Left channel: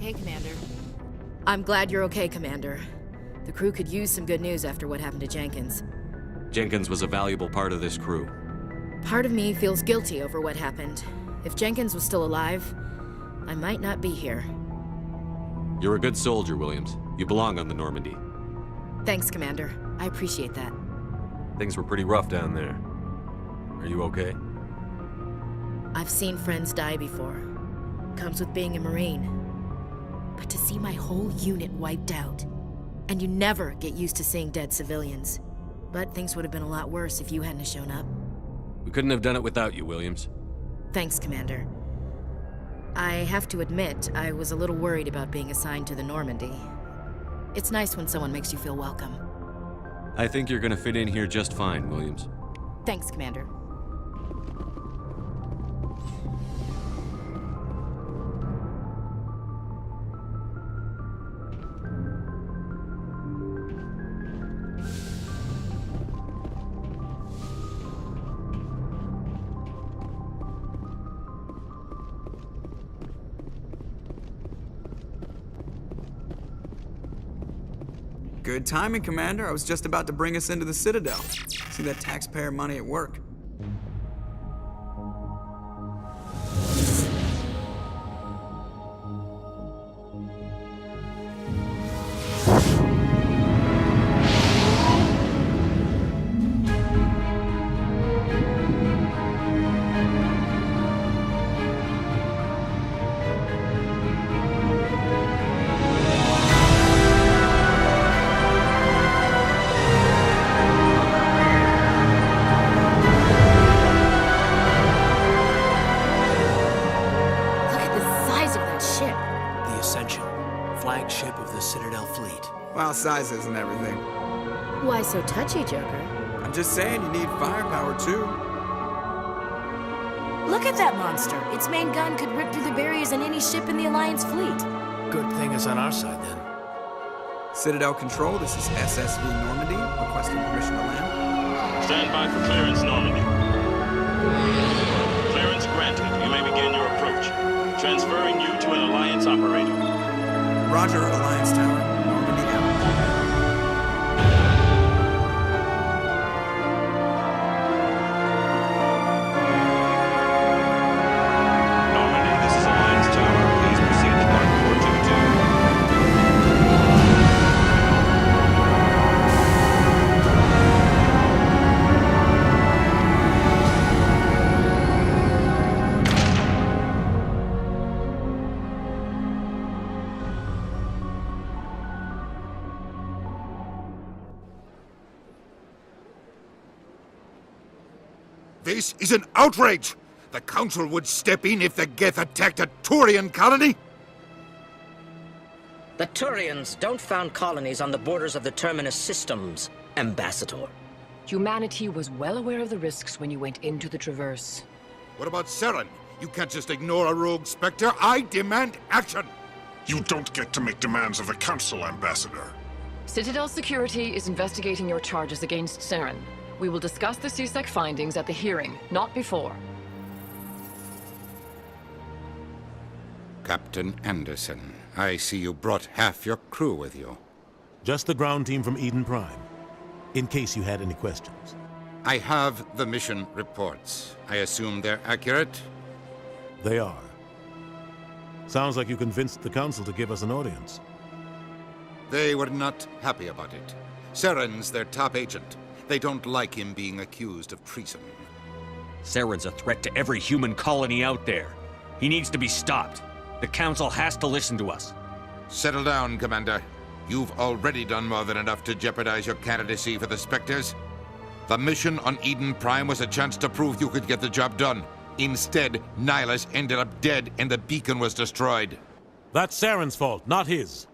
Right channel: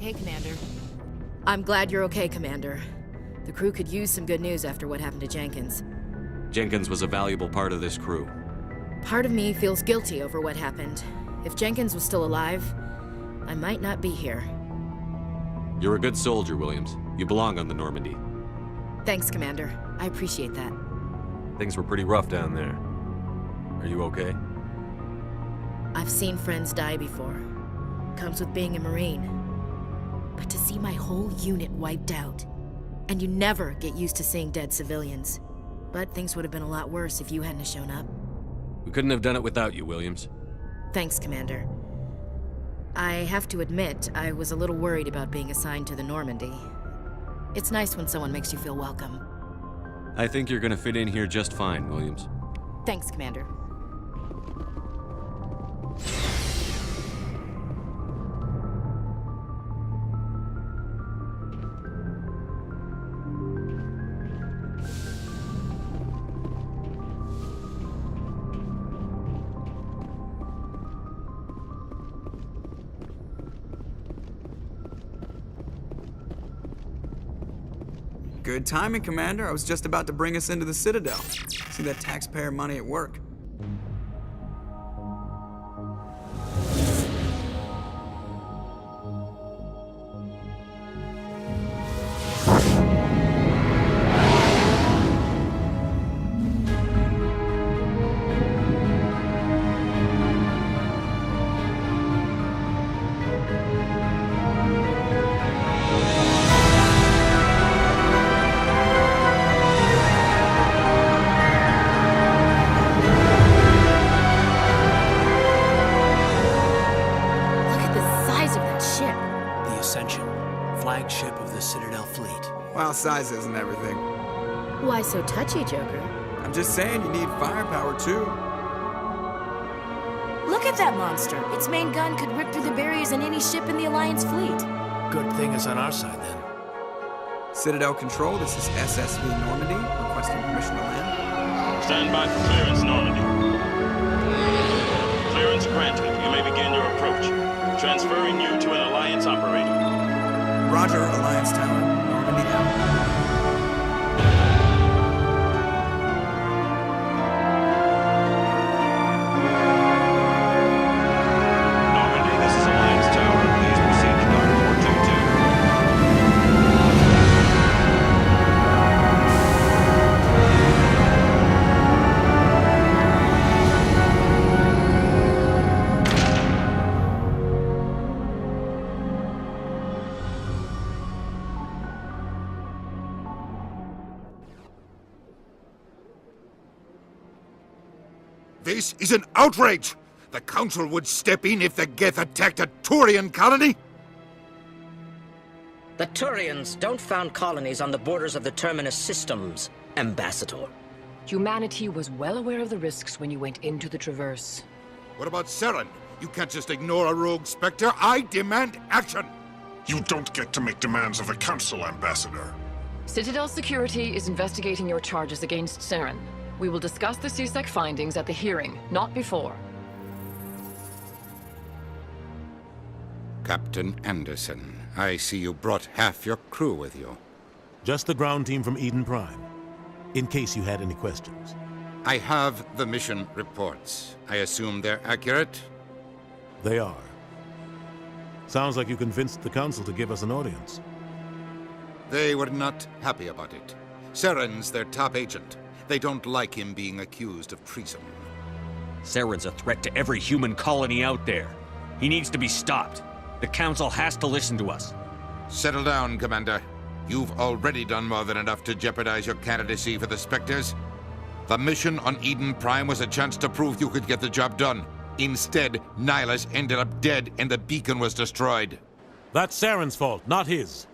Hey, Commander. I'm glad you're okay, Commander. The crew could use some good news after what happened to Jenkins. Jenkins was a valuable part of this crew. Part of me feels guilty over what happened. If Jenkins was still alive, I might not be here. You're a good soldier, Williams. You belong on the Normandy. Thanks, Commander. I appreciate that. Things were pretty rough down there. Are you okay? I've seen friends die before. Comes with being a Marine. But to see my whole unit wiped out, and you never get used to seeing dead civilians. But things would have been a lot worse if you hadn't shown up. We couldn't have done it without you, Williams. Thanks, Commander. I have to admit, I was a little worried about being assigned to the Normandy. It's nice when someone makes you feel welcome. I think you're gonna fit in here just fine, Williams. Thanks, Commander. Good timing, Commander. I was just about to bring us into the Citadel. See that taxpayer money at work. Flagship of the Citadel fleet. Well, size isn't everything. Why so touchy, Joker? I'm just saying you need firepower, too. Look at that monster. Its main gun could rip through the barriers in any ship in the Alliance fleet. Good thing it's on our side, then. Citadel Control, this is SSV Normandy, requesting permission to land. Stand by for clearance, Normandy. Clearance granted. You may begin your approach. Transferring you to an Alliance operator. Roger, Alliance Tower, Normandy out. This is an outrage! The Council would step in if the Geth attacked a Turian colony? The Turians don't found colonies on the borders of the Terminus systems, Ambassador. Humanity was well aware of the risks when you went into the Traverse. What about Saren? You can't just ignore a rogue Spectre. I demand action! You don't get to make demands of the Council, Ambassador. Citadel Security is investigating your charges against Saren. We will discuss the CSEC findings at the hearing, not before. Captain Anderson, I see you brought half your crew with you. Just the ground team from Eden Prime, in case you had any questions. I have the mission reports. I assume they're accurate? They are. Sounds like you convinced the Council to give us an audience. They were not happy about it. Saren's their top agent. They don't like him being accused of treason. Saren's a threat to every human colony out there. He needs to be stopped. The Council has to listen to us. Settle down, Commander. You've already done more than enough to jeopardize your candidacy for the Spectres. The mission on Eden Prime was a chance to prove you could get the job done. Instead, Nihilus ended up dead and the beacon was destroyed. That's Saren's fault, not his.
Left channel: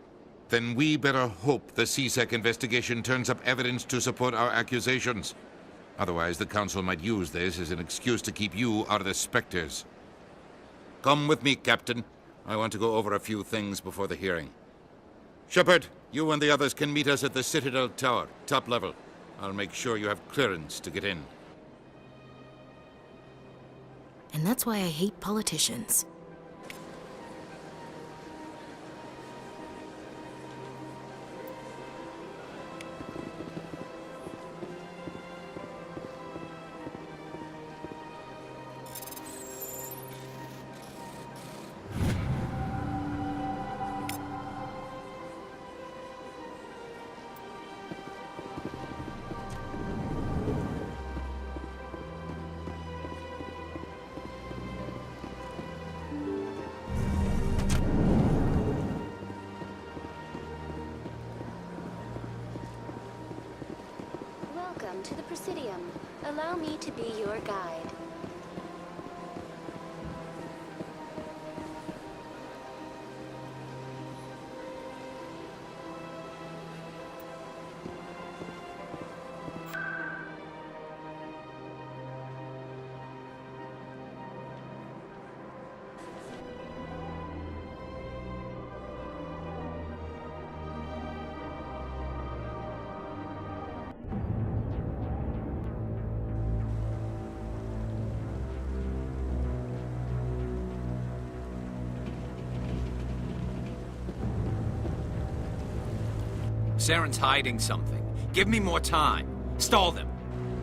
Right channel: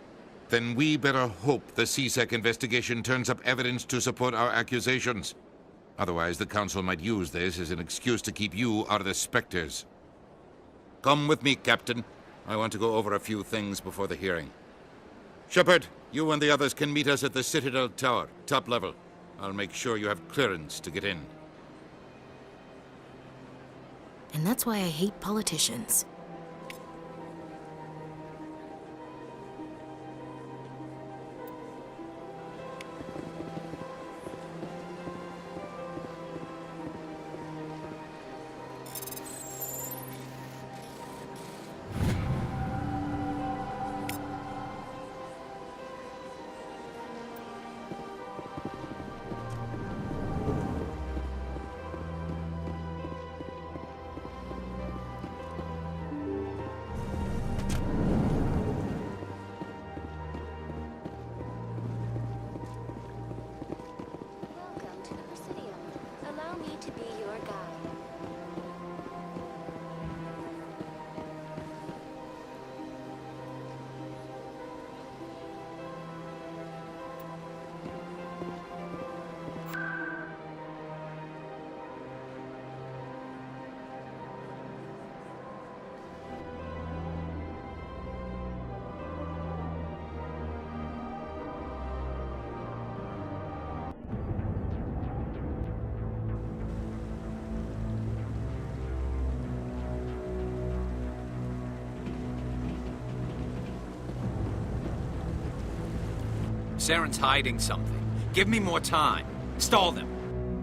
Then we better hope the CSEC investigation turns up evidence to support our accusations. Otherwise, the Council might use this as an excuse to keep you out of the Spectres. Come with me, Captain. I want to go over a few things before the hearing. Shepard, you and the others can meet us at the Citadel Tower, top level. I'll make sure you have clearance to get in. And that's why I hate politicians. allow me to be your guide. Saren's hiding something. Give me more time. Stall them.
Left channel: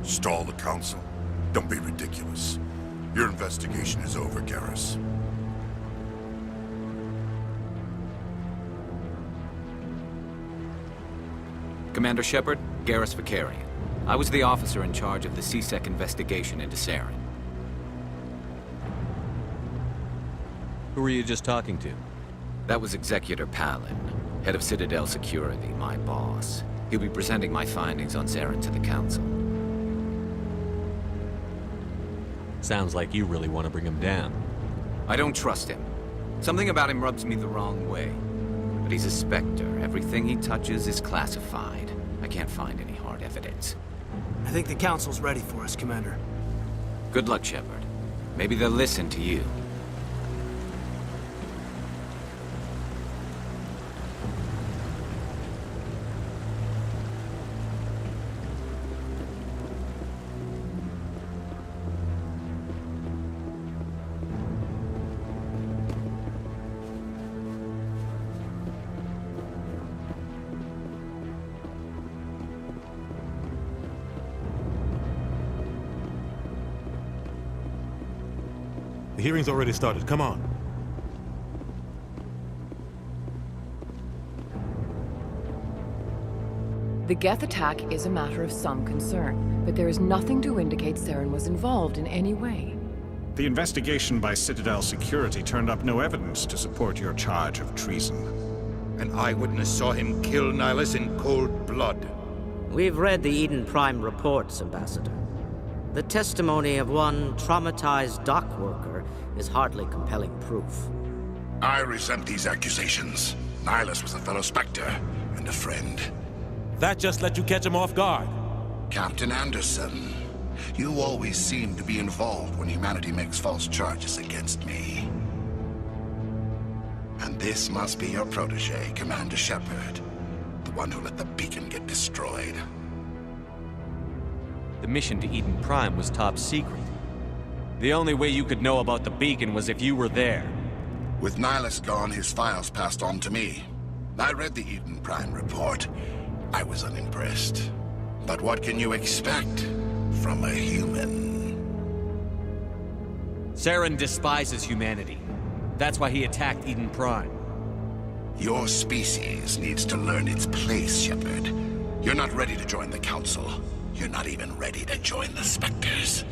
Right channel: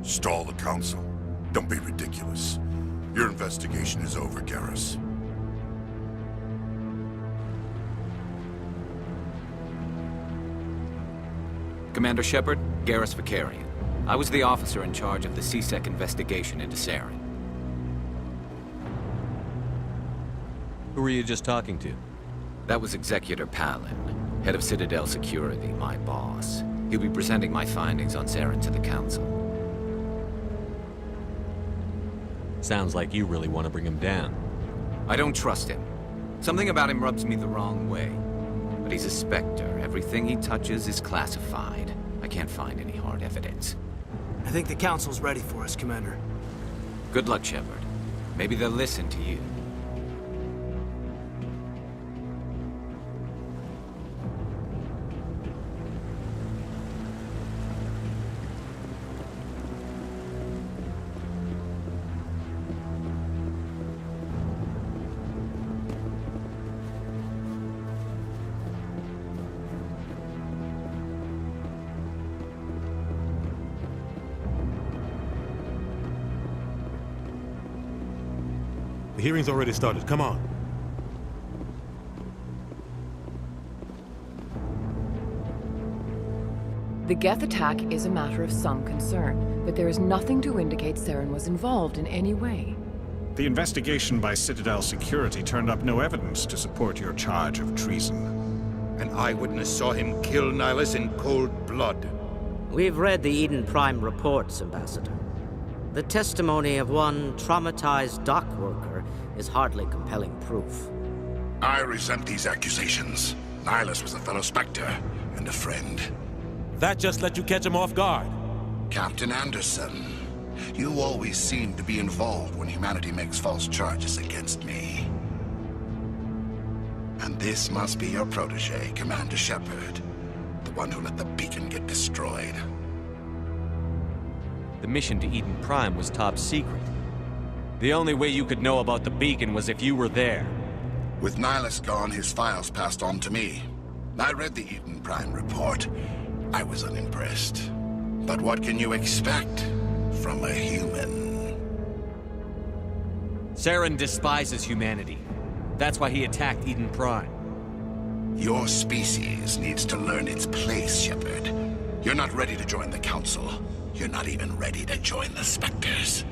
Stall the Council? Don't be ridiculous. Your investigation is over, Garrus. Commander Shepard, Garrus Vicarian. I was the officer in charge of the CSEC investigation into Saren. Who were you just talking to? That was Executor Palin, head of Citadel Security, my boss. He'll be presenting my findings on Saren to the Council. Sounds like you really want to bring him down. I don't trust him. Something about him rubs me the wrong way. But he's a Spectre. Everything he touches is classified. I can't find any hard evidence. I think the Council's ready for us, Commander. Good luck, Shepard. Maybe they'll listen to you. The hearing's already started. Come on. The Geth attack is a matter of some concern, but there is nothing to indicate Saren was involved in any way. The investigation by Citadel Security turned up no evidence to support your charge of treason. An eyewitness saw him kill Nihilus in cold blood. We've read the Eden Prime reports, Ambassador. The testimony of one traumatized dock worker is hardly compelling proof. I resent these accusations. Nihilus was a fellow Spectre and a friend. That just let you catch him off guard. Captain Anderson, you always seem to be involved when humanity makes false charges against me. And this must be your protege, Commander Shepard, the one who let the beacon get destroyed. The mission to Eden Prime was top secret. The only way you could know about the beacon was if you were there. With Nihilus gone, his files passed on to me. I read the Eden Prime report. I was unimpressed. But what can you expect from a human? Saren despises humanity. That's why he attacked Eden Prime. Your species needs to learn its place, Shepard. You're not ready to join the Council. You're not even ready to join the Spectres.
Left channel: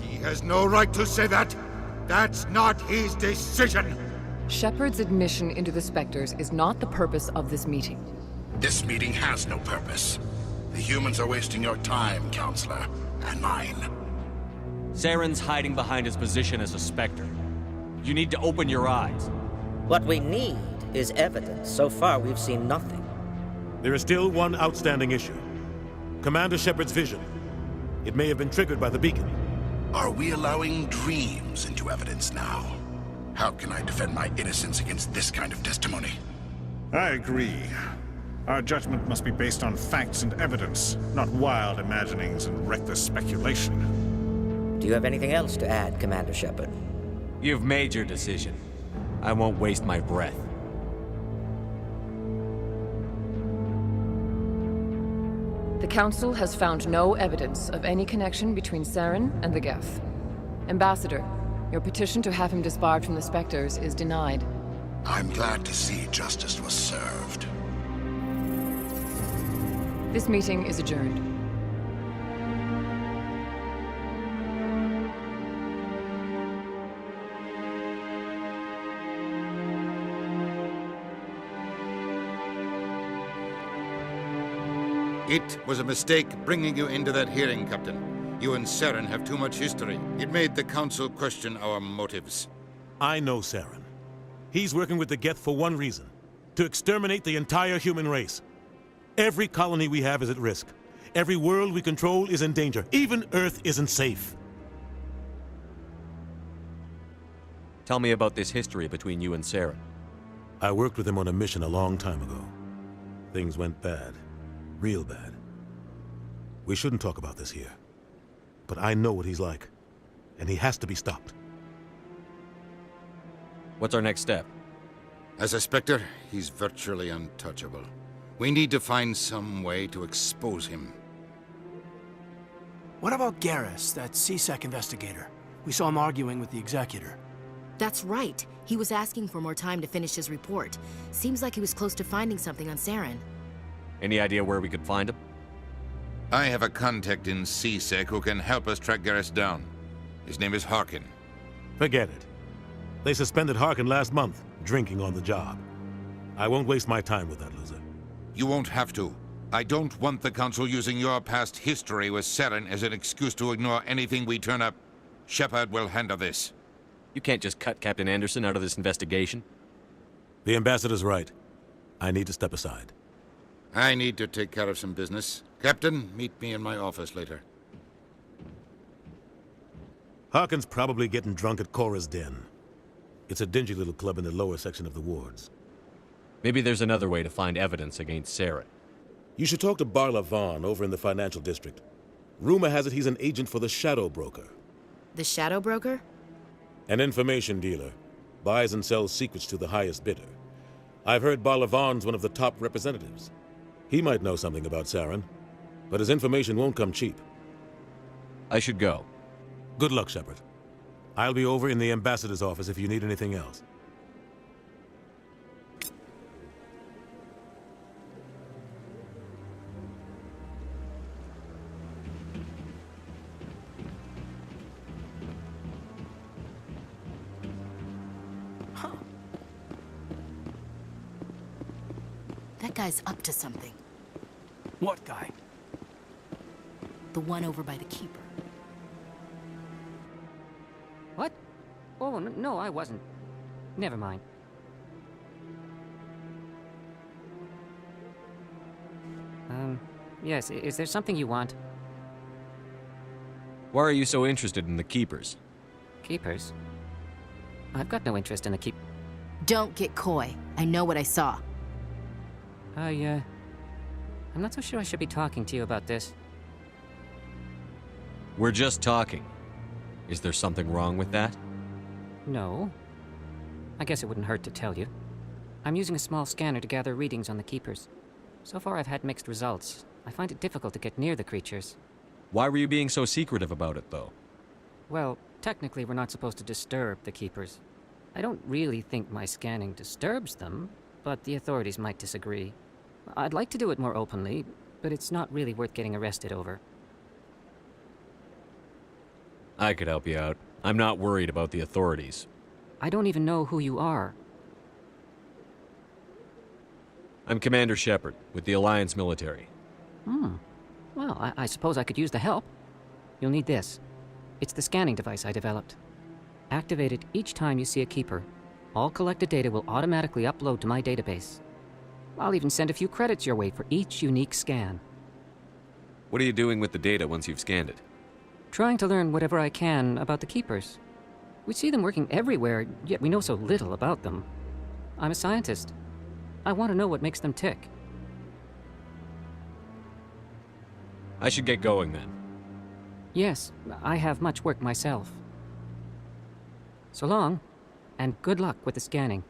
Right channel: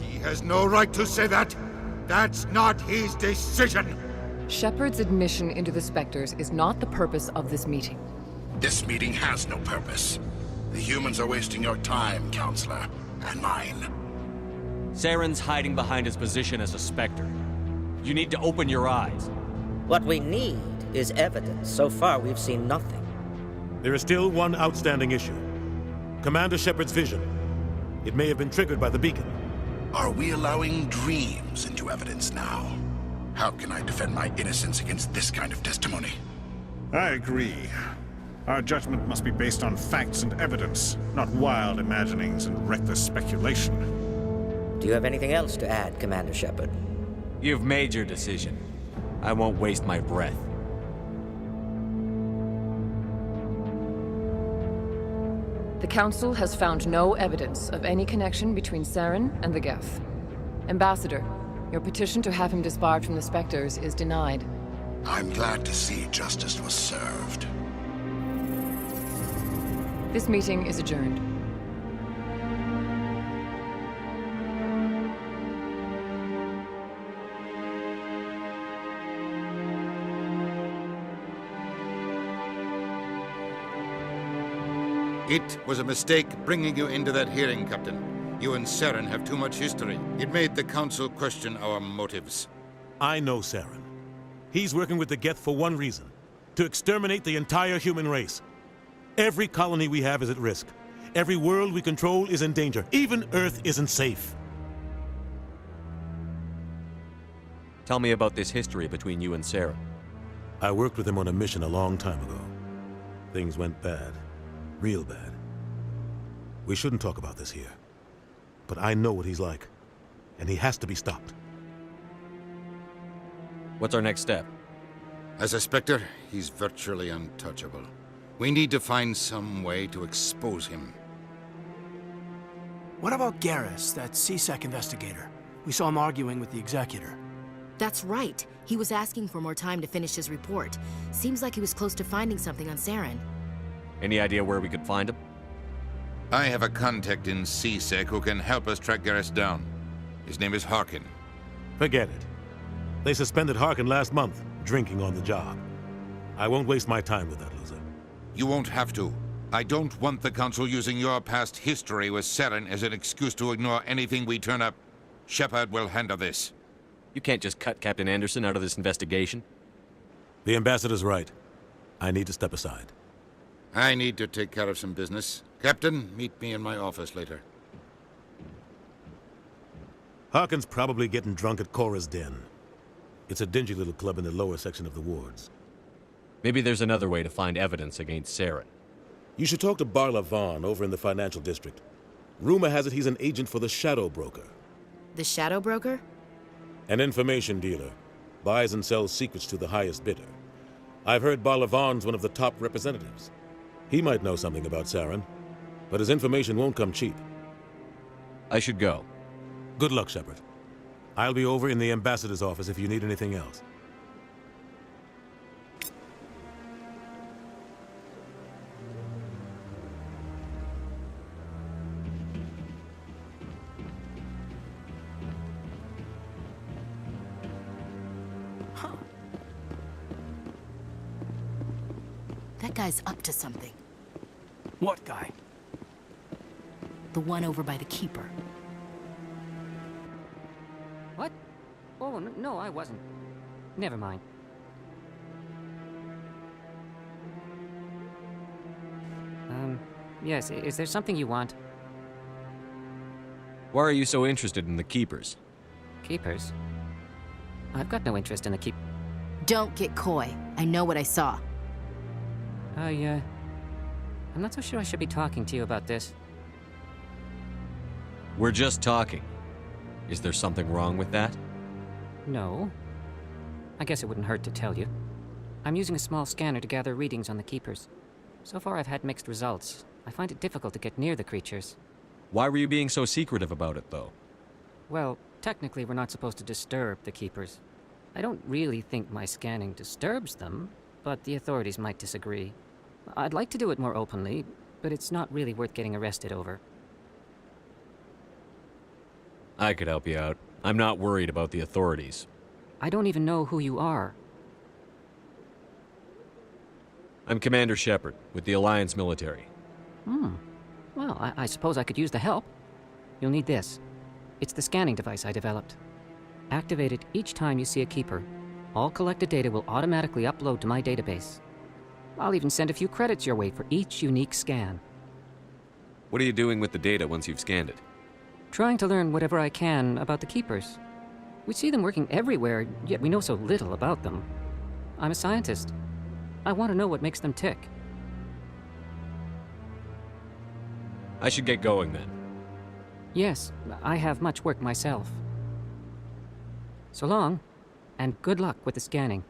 He has no right to say that. That's not his decision. Shepard's admission into the Spectres is not the purpose of this meeting. This meeting has no purpose. The humans are wasting your time, Counselor, and mine. Saren's hiding behind his position as a Spectre. You need to open your eyes. What we need is evidence. So far, we've seen nothing. There is still one outstanding issue. Commander Shepard's vision. It may have been triggered by the beacon. Are we allowing dreams into evidence now? How can I defend my innocence against this kind of testimony? I agree. Our judgment must be based on facts and evidence, not wild imaginings and reckless speculation. Do you have anything else to add, Commander Shepard? You've made your decision. I won't waste my breath. The Council has found no evidence of any connection between Saren and the Geth. Ambassador, your petition to have him disbarred from the Spectres is denied. I'm glad to see justice was served. This meeting is adjourned. It was a mistake bringing you into that hearing, Captain. You and Saren have too much history. It made the Council question our motives. I know Saren. He's working with the Geth for one reason: to exterminate the entire human race. Every colony we have is at risk. Every world we control is in danger. Even Earth isn't safe. Tell me about this history between you and Saren. I worked with him on a mission a long time ago. Things went bad. Real bad. We shouldn't talk about this here. But I know what he's like. And he has to be stopped. What's our next step? As a Spectre, he's virtually untouchable. We need to find some way to expose him. What about Garrus, that CSEC investigator? We saw him arguing with the Executor. That's right. He was asking for more time to finish his report. Seems like he was close to finding something on Saren. Any idea where we could find him? I have a contact in CSEC who can help us track Garrus down. His name is Harkin. Forget it. They suspended Harkin last month, drinking on the job. I won't waste my time with that loser. You won't have to. I don't want the Council using your past history with Saren as an excuse to ignore anything we turn up. Shepard will handle this. You can't just cut Captain Anderson out of this investigation. The Ambassador's right. I need to step aside. I need to take care of some business. Captain, meet me in my office later. Harkin's probably getting drunk at Cora's Den. It's a dingy little club in the lower section of the wards. Maybe there's another way to find evidence against Saren. You should talk to Barla Vaughn over in the financial district. Rumor has it he's an agent for the Shadow Broker. The Shadow Broker? An information dealer. Buys and sells secrets to the highest bidder. I've heard Barla Vaughn's one of the top representatives. He might know something about Saren, but his information won't come cheap. I should go. Good luck, Shepard. I'll be over in the Ambassador's office if you need anything else. What? Oh, no, I wasn't. Never mind. Yes, is there something you want? Why are you so interested in the Keepers? Keepers? I've got no interest in the Don't get coy. I know what I saw. I'm not so sure I should be talking to you about this. We're just talking. Is there something wrong with that? No. I guess it wouldn't hurt to tell you. I'm using a small scanner to gather readings on the Keepers. So far I've had mixed results. I find it difficult to get near the creatures. Why were you being so secretive about it, though? Well, technically we're not supposed to disturb the Keepers. I don't really think my scanning disturbs them, but the authorities might disagree. I'd like to do it more openly, but it's not really worth getting arrested over. I could help you out. I'm not worried about the authorities. I don't even know who you are. I'm Commander Shepard, with the Alliance military. Well, I suppose I could use the help. You'll need this. It's the scanning device I developed. Activate it each time you see a Keeper. All collected data will automatically upload to my database. I'll even send a few credits your way for each unique scan. What are you doing with the data once you've scanned it? Trying to learn whatever I can about the Keepers. We see them working everywhere, yet we know so little about them. I'm a scientist. I want to know what makes them tick. I should get going then. Yes, I have much work myself. So long, and good luck with the scanning.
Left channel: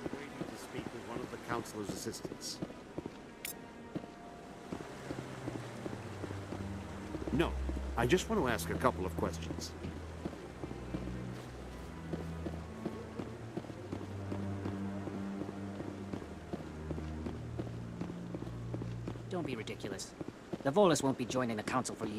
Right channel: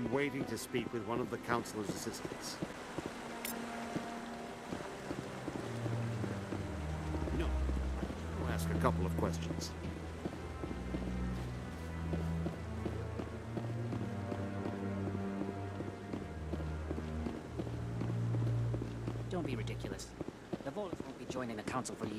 I'm waiting to speak with one of the council. No, I just want to ask a couple. Don't be ridiculous. The Volus won't be joining the council for years.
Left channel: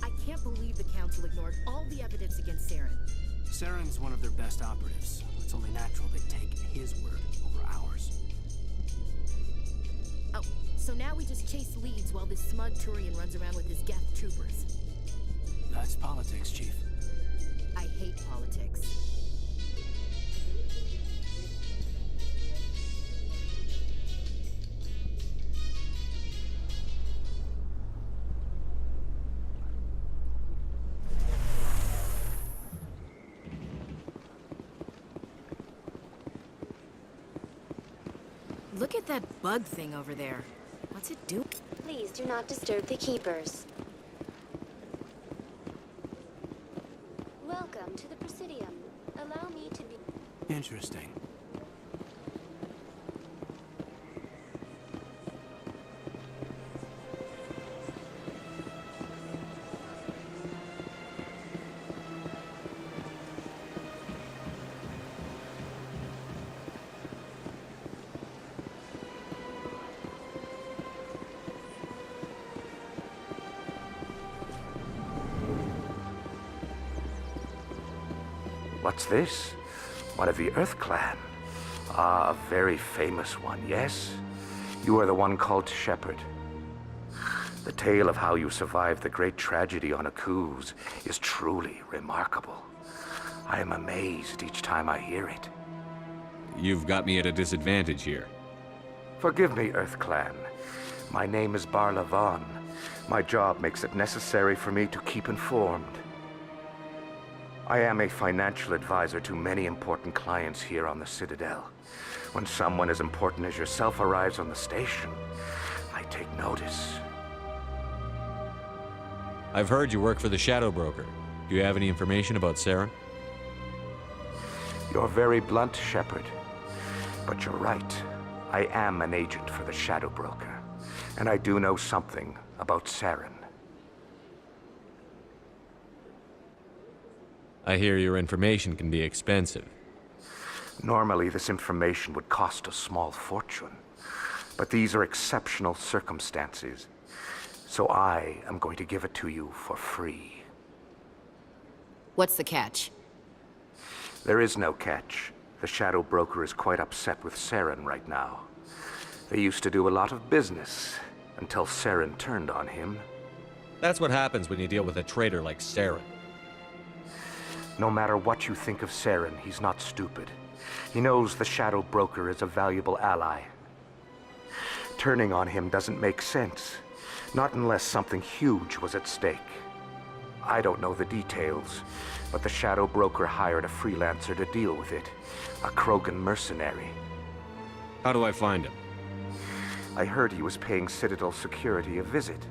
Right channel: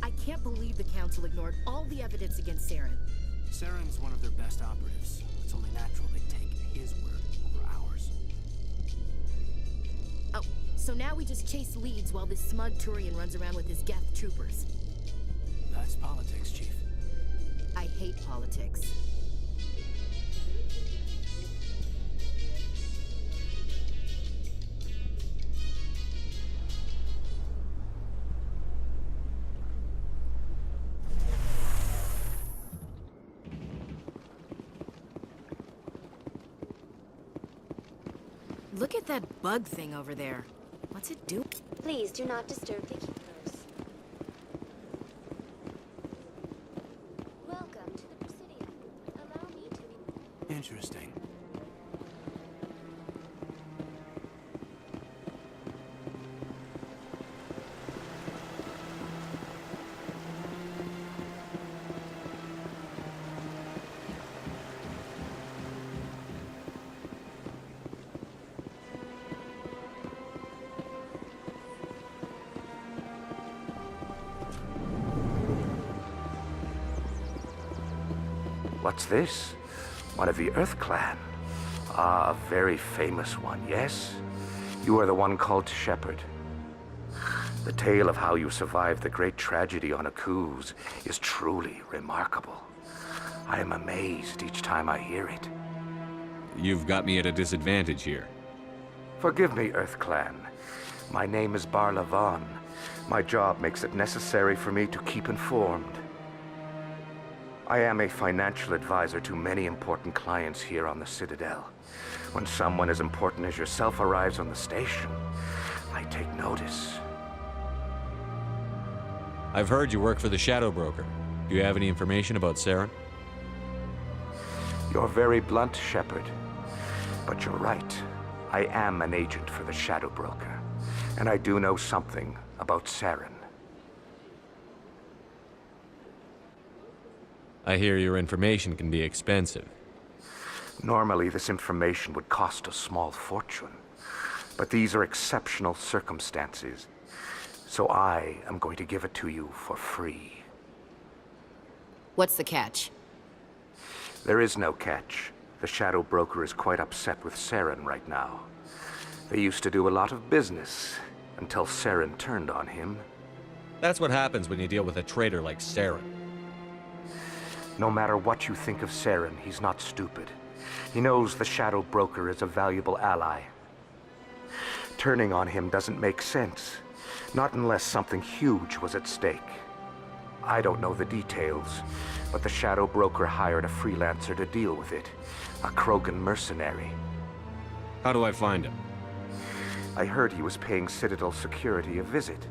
I can't believe the Council ignored all the evidence against Saren. Saren's one of their best operatives. It's only natural they take his word over ours. Oh, so now we just chase leads while this smug Turian runs around with his Geth troopers. That's politics, Chief. I hate politics. Please do not disturb the keepers. Welcome to the Presidium. Allow me to be... What's this? One of the Earth Clan. Ah, a very famous one, yes? You are the one called Shepherd. The tale of how you survived the great tragedy on Akuz is truly remarkable. I am amazed each time I hear it. You've got me at a disadvantage here. Forgive me, Earth Clan. My name is Barla Vaughn. My job makes it necessary for me to keep informed. I am a financial advisor to many important clients here on the Citadel. When someone as important as yourself arrives on the station, I take notice. I've heard you work for the Shadow Broker. Do you have any information about Saren? You're very blunt, Shepard. But you're right. I am an agent for the Shadow Broker. And I do know something about Saren. I hear your information can be expensive. Normally, this information would cost a small fortune. But these are exceptional circumstances. So I am going to give it to you for free. What's the catch? There is no catch. The Shadow Broker is quite upset with Saren right now. They used to do a lot of business until Saren turned on him. That's what happens when you deal with a traitor like Saren. No matter what you think of Saren, he's not stupid. He knows the Shadow Broker is a valuable ally. Turning on him doesn't make sense. Not unless something huge was at stake. I don't know the details, but the Shadow Broker hired a freelancer to deal with it. A Krogan mercenary. How do I find him? I heard he was paying Citadel security a visit.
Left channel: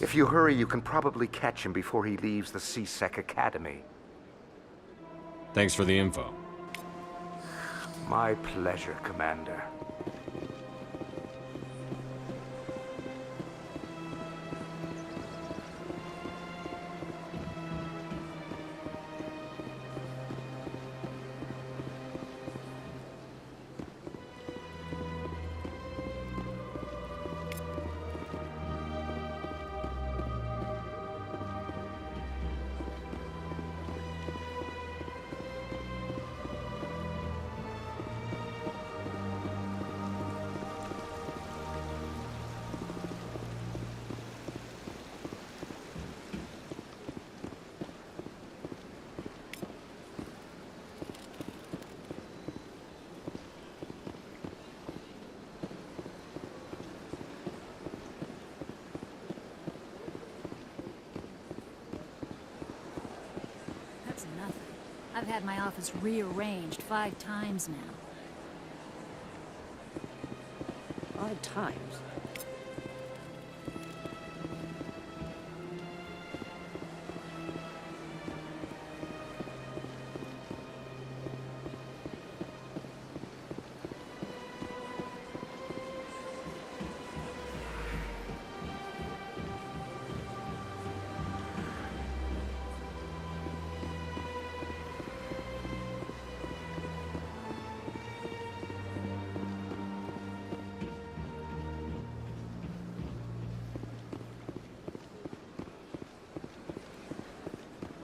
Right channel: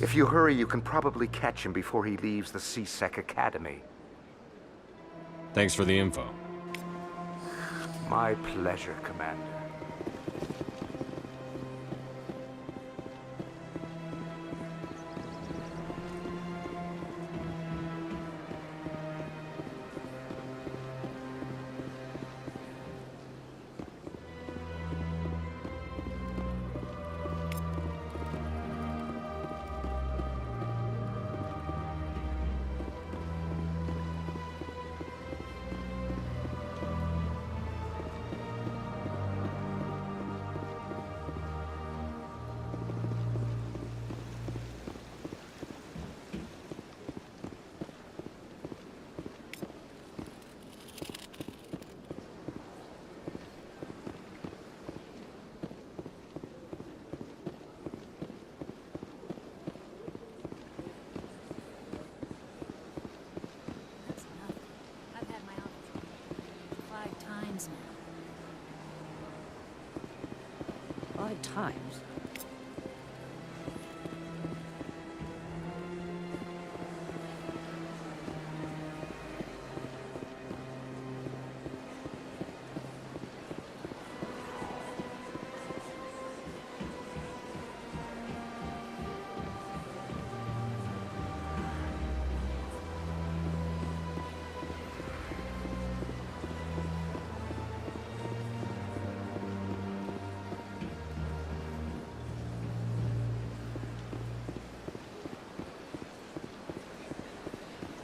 If you hurry, you can probably catch him before he leaves the C-Sec Academy. Thanks for the info. My pleasure, Commander. I've had my office rearranged 5 times now.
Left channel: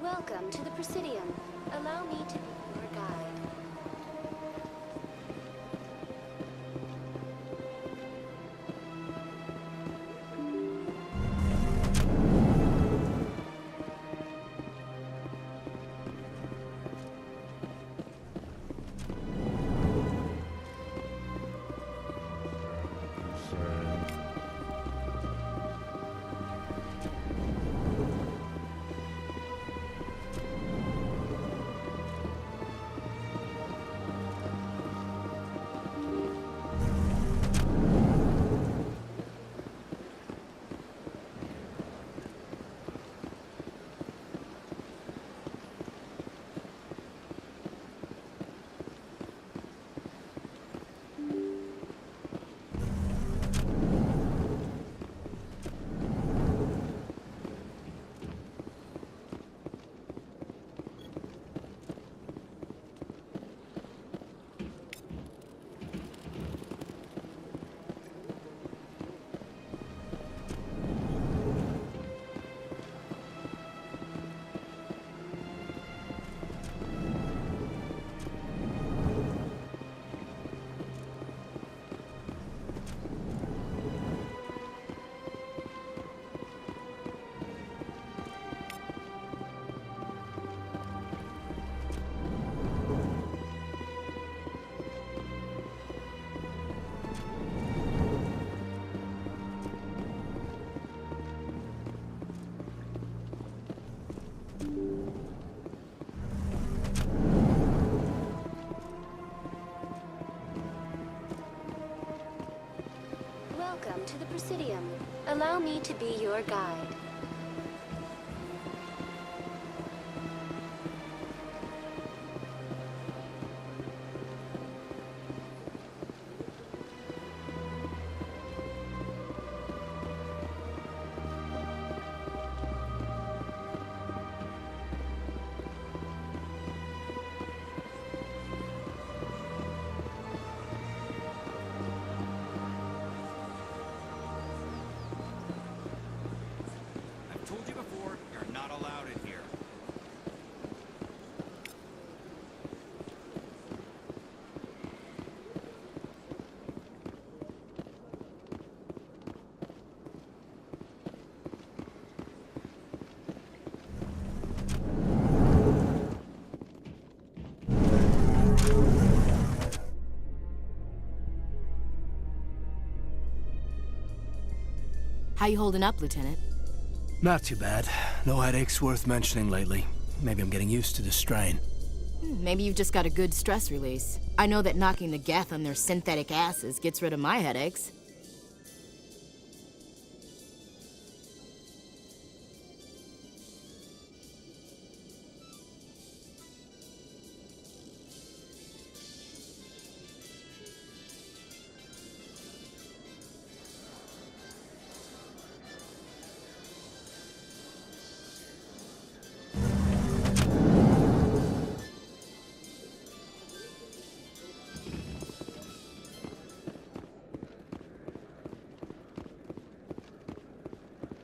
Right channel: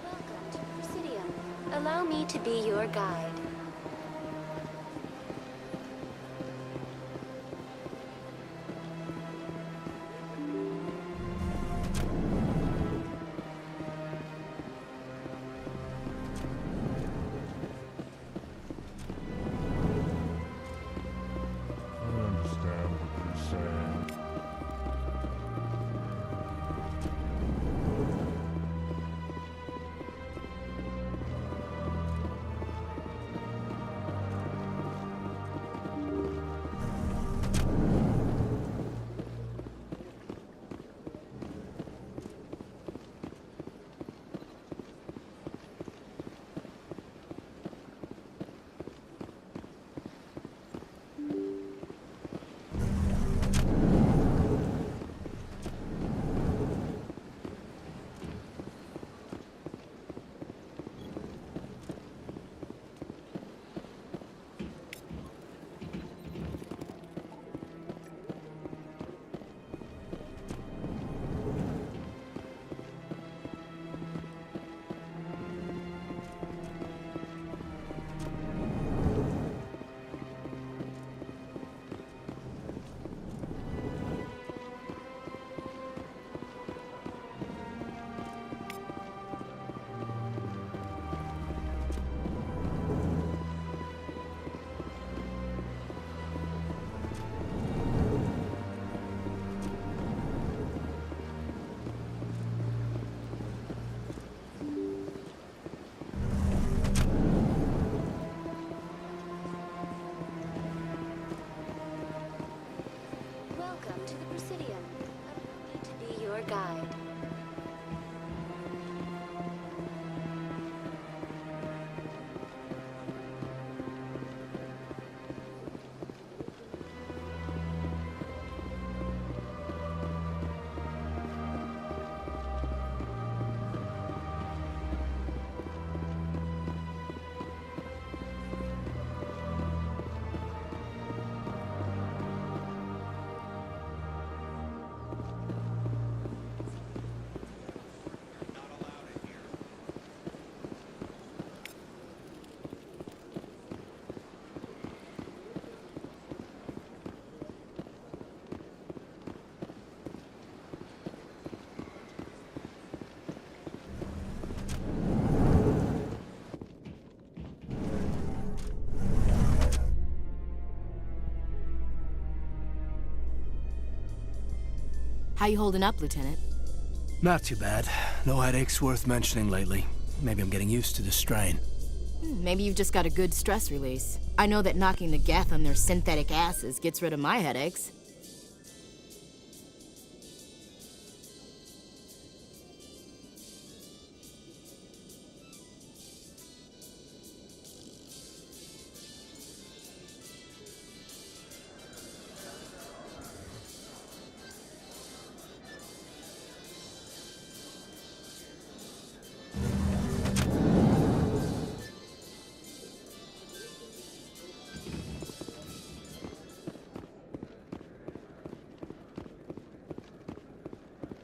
Welcome to the Presidium. Allow me to be your guide. Welcome to the Presidium. Allow me to be your guide. How you holding up, Lieutenant? Not too bad. No headaches worth mentioning lately. Maybe I'm getting used to the strain. Maybe you've just got a good stress release. I know that knocking the Geth on their synthetic asses gets rid of my headaches.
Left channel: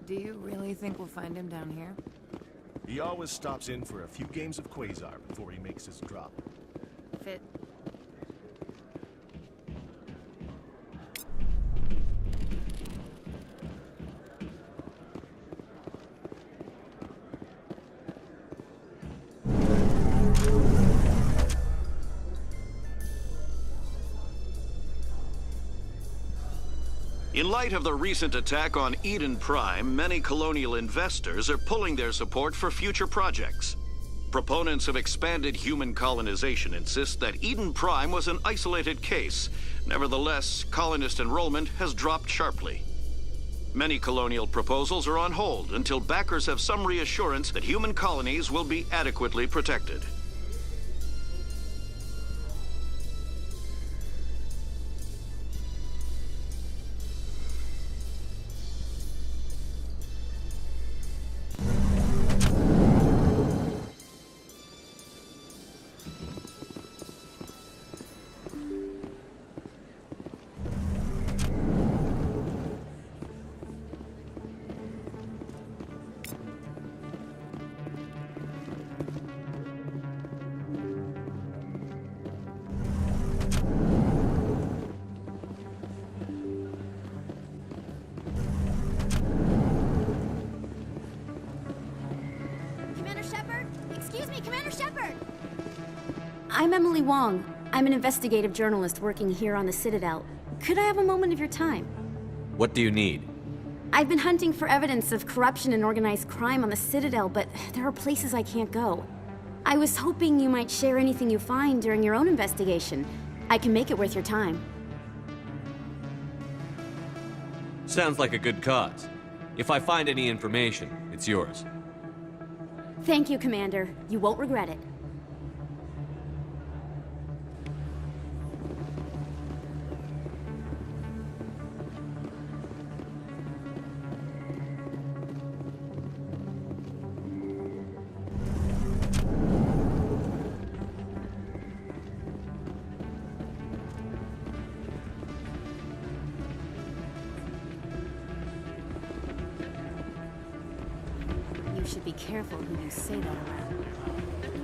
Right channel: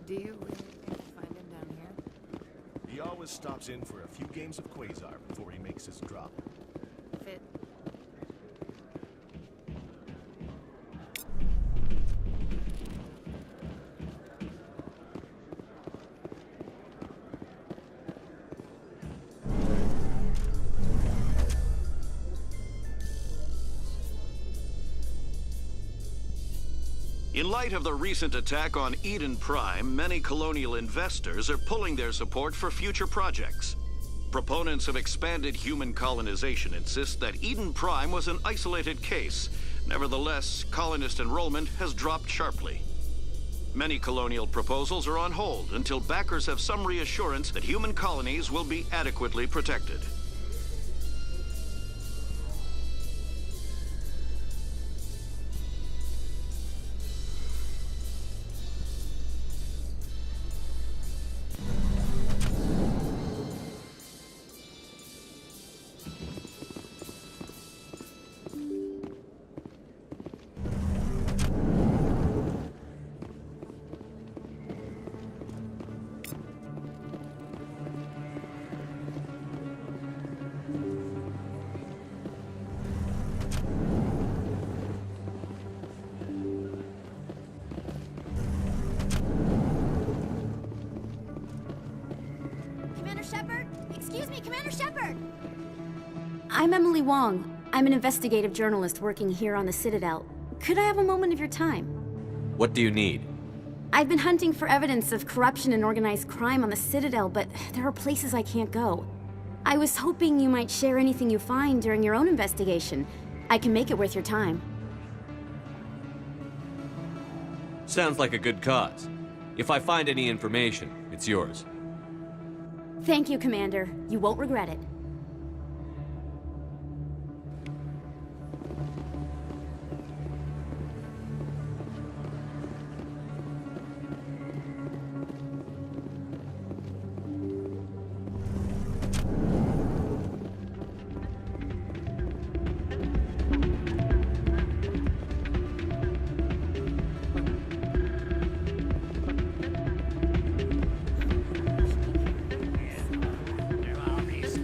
Do you really think we'll find him down here? He always stops in for a few games of Quasar. In light of the recent attack on Eden Prime, many colonial investors are pulling their support for future projects. Proponents of expanded human colonization insist that Eden Prime was an isolated case. Nevertheless, colonist enrollment has dropped sharply. Many colonial proposals are on hold until backers have some reassurance that human colonies will be adequately protected. I'm Emily Wong. I'm an investigative journalist working here on the Citadel. Could I have a moment of your time? What do you need? I've been hunting for evidence of corruption and organized crime on the Citadel, but there are places I can't go. I was hoping you might share anything you find during your own investigation. I can make it worth your time. Sounds like a good cause. If I find any information, it's yours. Thank you, Commander. You won't regret it.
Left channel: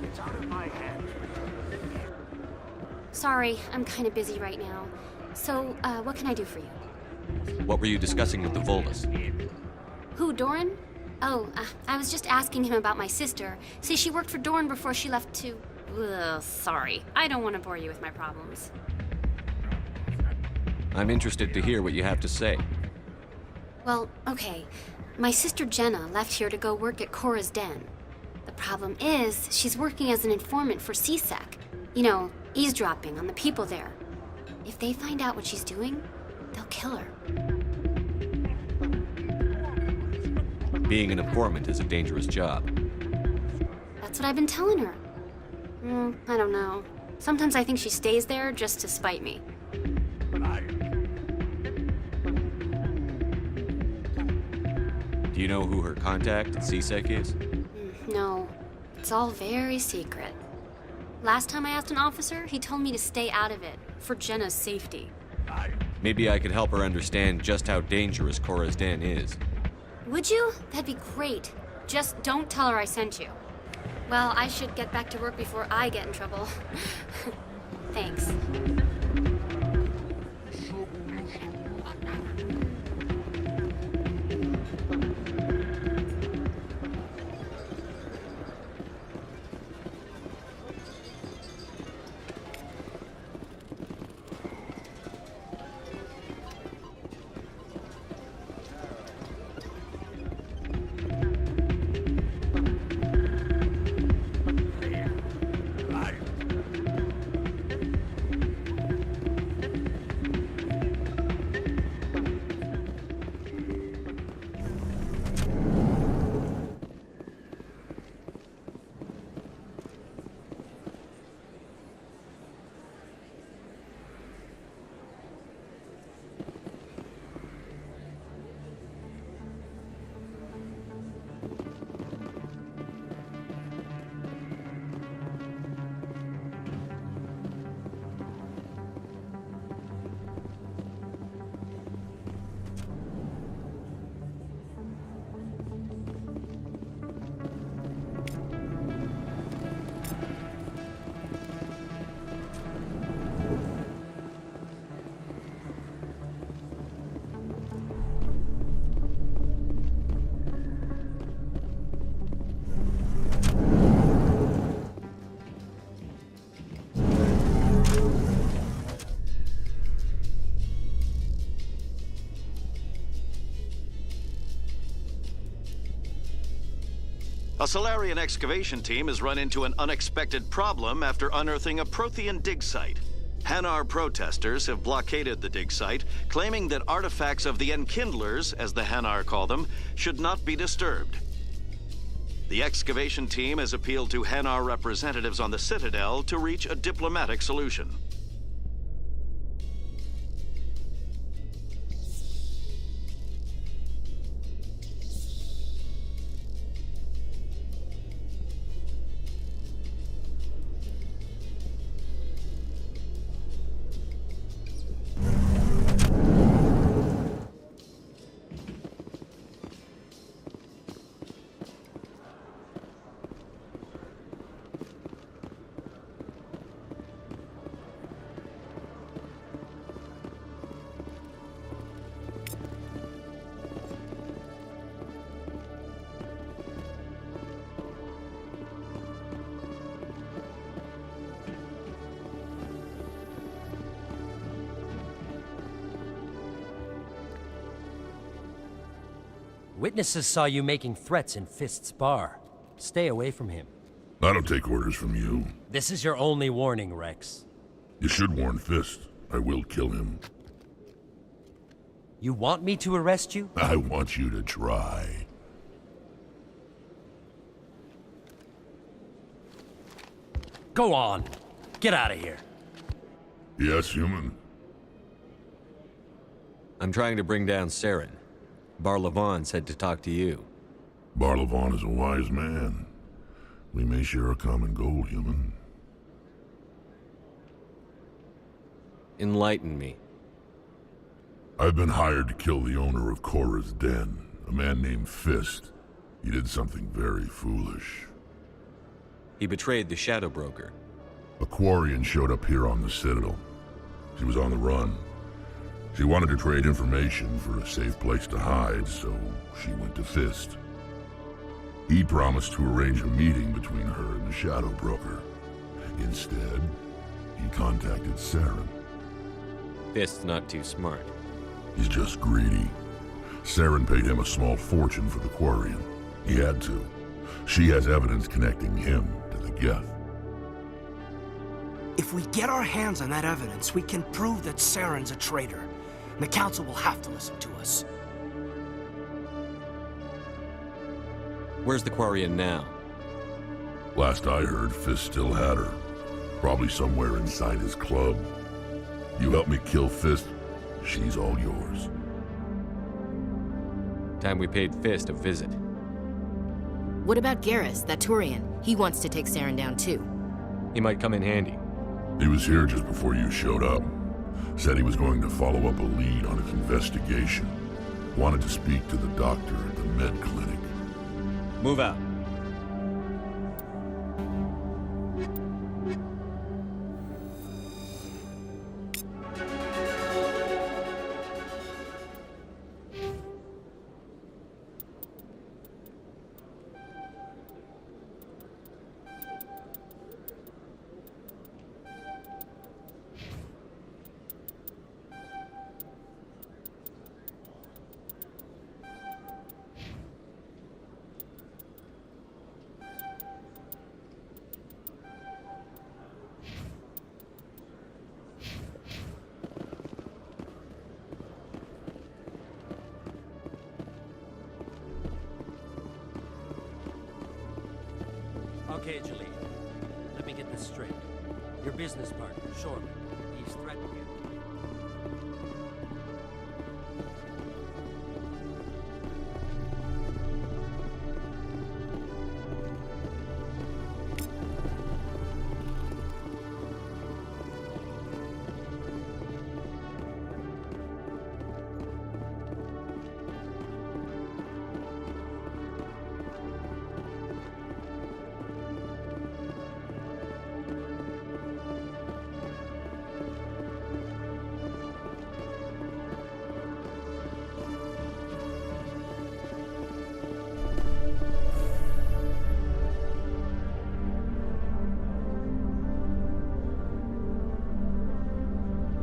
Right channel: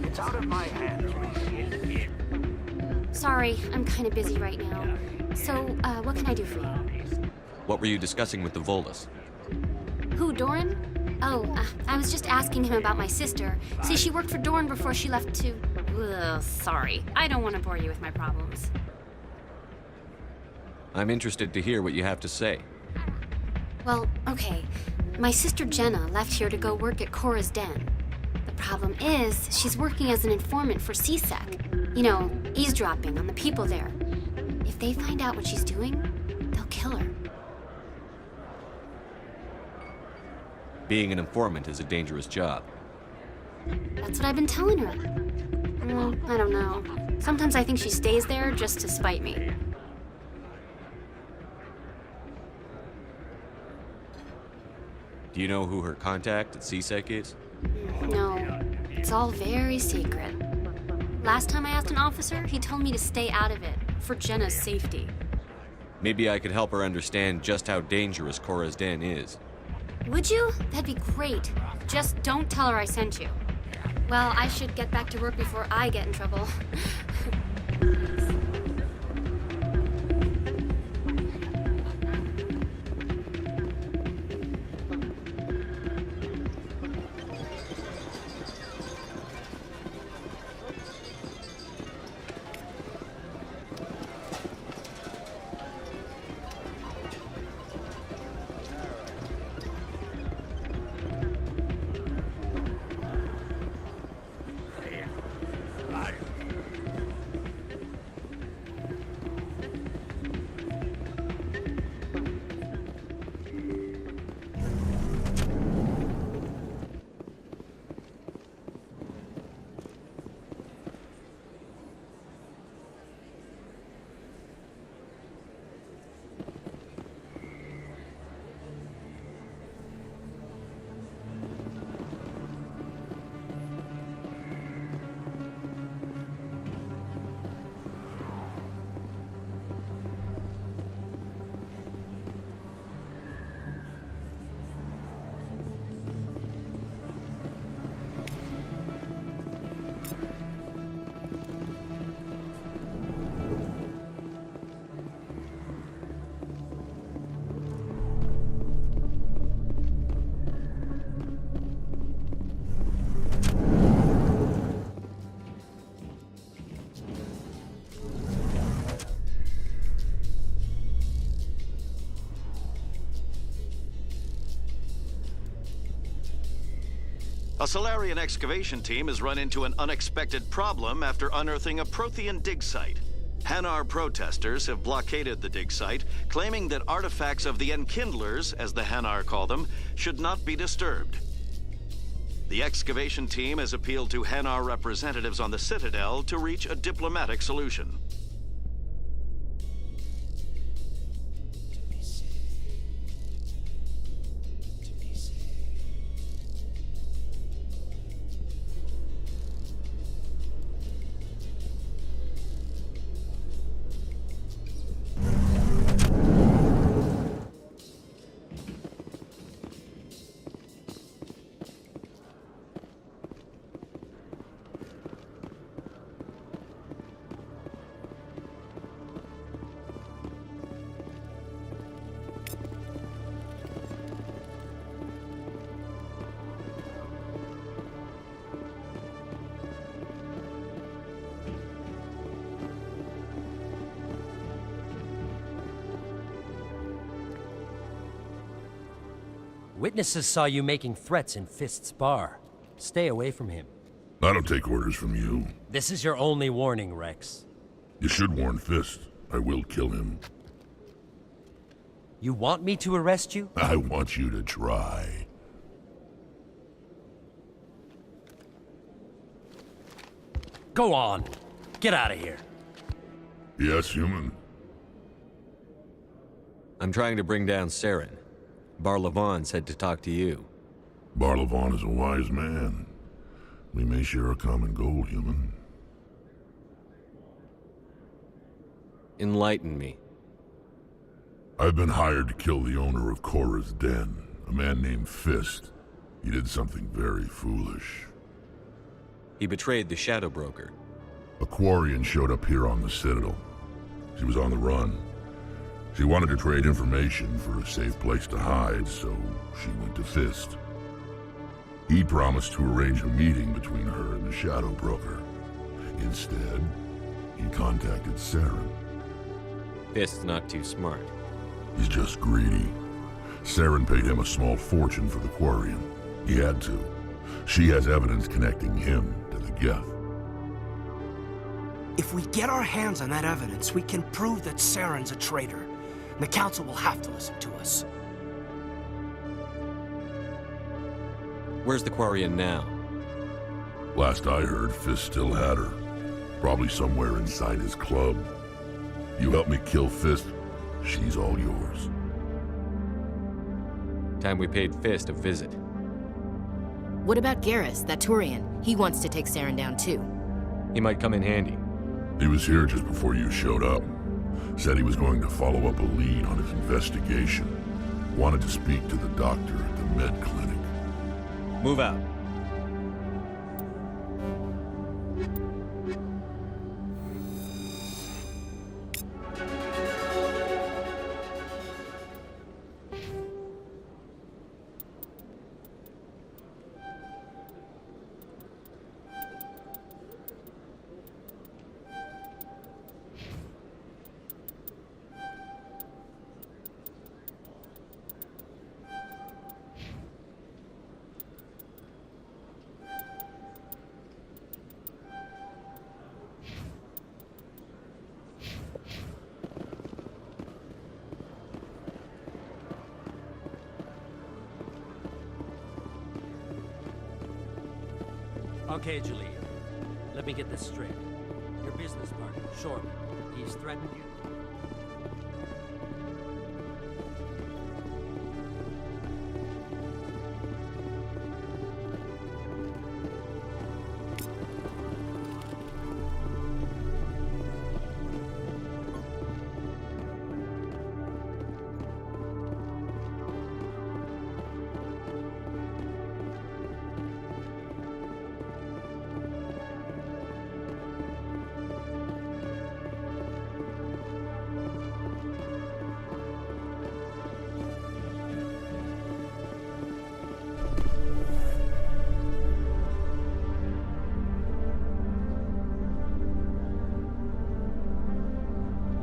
It's out of my hands, Reed. Sorry, I'm kind of busy right now. So, what can I do for you? What were you discussing with the Volus? Who, Doran? Oh, I was just asking him about my sister. See, she worked for Doran before she left to... Ugh, sorry. I don't want to bore you with my problems. I'm interested to hear what you have to say. Well, okay. My sister Jenna left here to go work at Cora's Den. The problem is, she's working as an informant for CSEC. You know, eavesdropping on the people there. If they find out what she's doing, they'll kill her. Being an informant is a dangerous job. That's what I've been telling her. Well, I don't know. Sometimes I think she stays there just to spite me. Do you know who her contact at CSEC is? No, it's all very secret. Last time I asked an officer, he told me to stay out of it, for Jenna's safety. Maybe I could help her understand just how dangerous Cora's Den is. Would you? That'd be great. Just don't tell her I sent you. Well, I should get back to work before I get in trouble. Thanks. A Solarian excavation team has run into an unexpected problem after unearthing a Prothean dig site. Hanar protesters have blockaded the dig site, claiming that artifacts of the Enkindlers, as the Hanar call them, should not be disturbed. The excavation team has appealed to Hanar representatives on the Citadel to reach a diplomatic solution. Witnesses saw you making threats in Fist's bar. Stay away from him. I don't take orders from you. This is your only warning, Rex. You should warn Fist. I will kill him. You want me to arrest you? I want you to try. Go on. Get out of here. Yes, human. I'm trying to bring down Saren. Barlavon said to talk to you. Barlavon is a wise man. We may share a common goal, human. Enlighten me. I've been hired to kill the owner of Korra's Den, a man named Fist. He did something very foolish. He betrayed the Shadow Broker. A Quarian showed up here on the Citadel. She was on the run. She wanted to trade information for a safe place to hide, so she went to Fist. He promised to arrange a meeting between her and the Shadow Broker. Instead, he contacted Saren. Fist's not too smart. He's just greedy. Saren paid him a small fortune for the Quarian. He had to. She has evidence connecting him to the Geth. If we get our hands on that evidence, we can prove that Saren's a traitor. And the Council will have to listen to us. Where's the Quarian now? Last I heard, Fist still had her. Probably somewhere inside his club. You help me kill Fist, she's all yours. Time we paid Fist a visit. What about Garrus, that Turian? He wants to take Saren down too. He might come in handy. He was here just before you showed up. Said he was going to follow up a lead on his investigation. Wanted to speak to the doctor at the med clinic. Move out.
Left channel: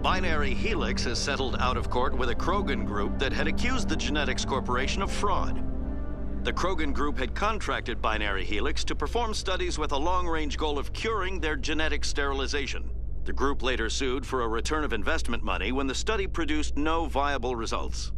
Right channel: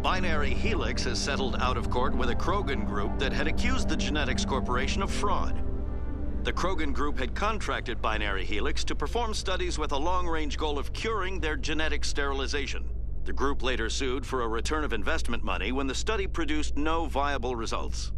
Binary Helix has settled out of court with a Krogan group that had accused the Genetics Corporation of fraud. The Krogan group had contracted Binary Helix to perform studies with a long-range goal of curing their genetic sterilization. The group later sued for a return of investment money when the study produced no viable results.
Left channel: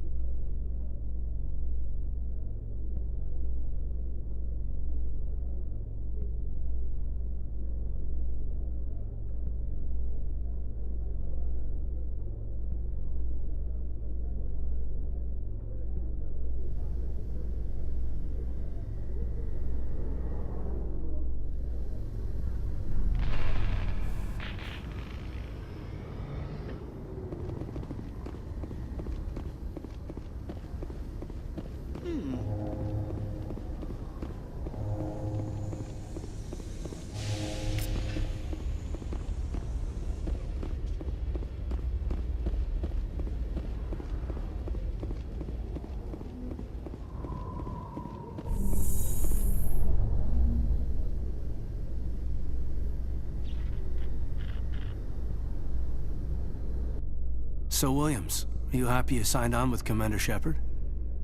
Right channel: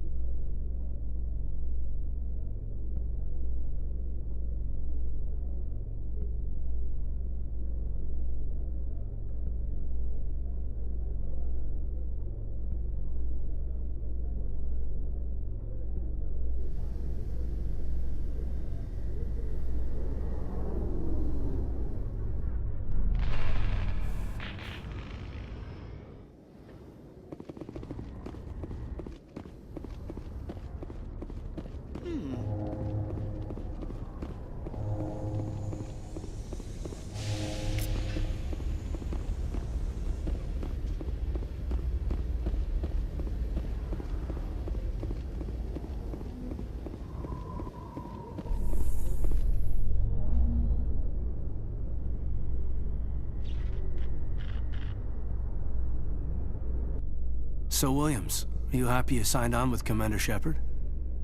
So, Williams, are you happy you signed on with Commander Shepard?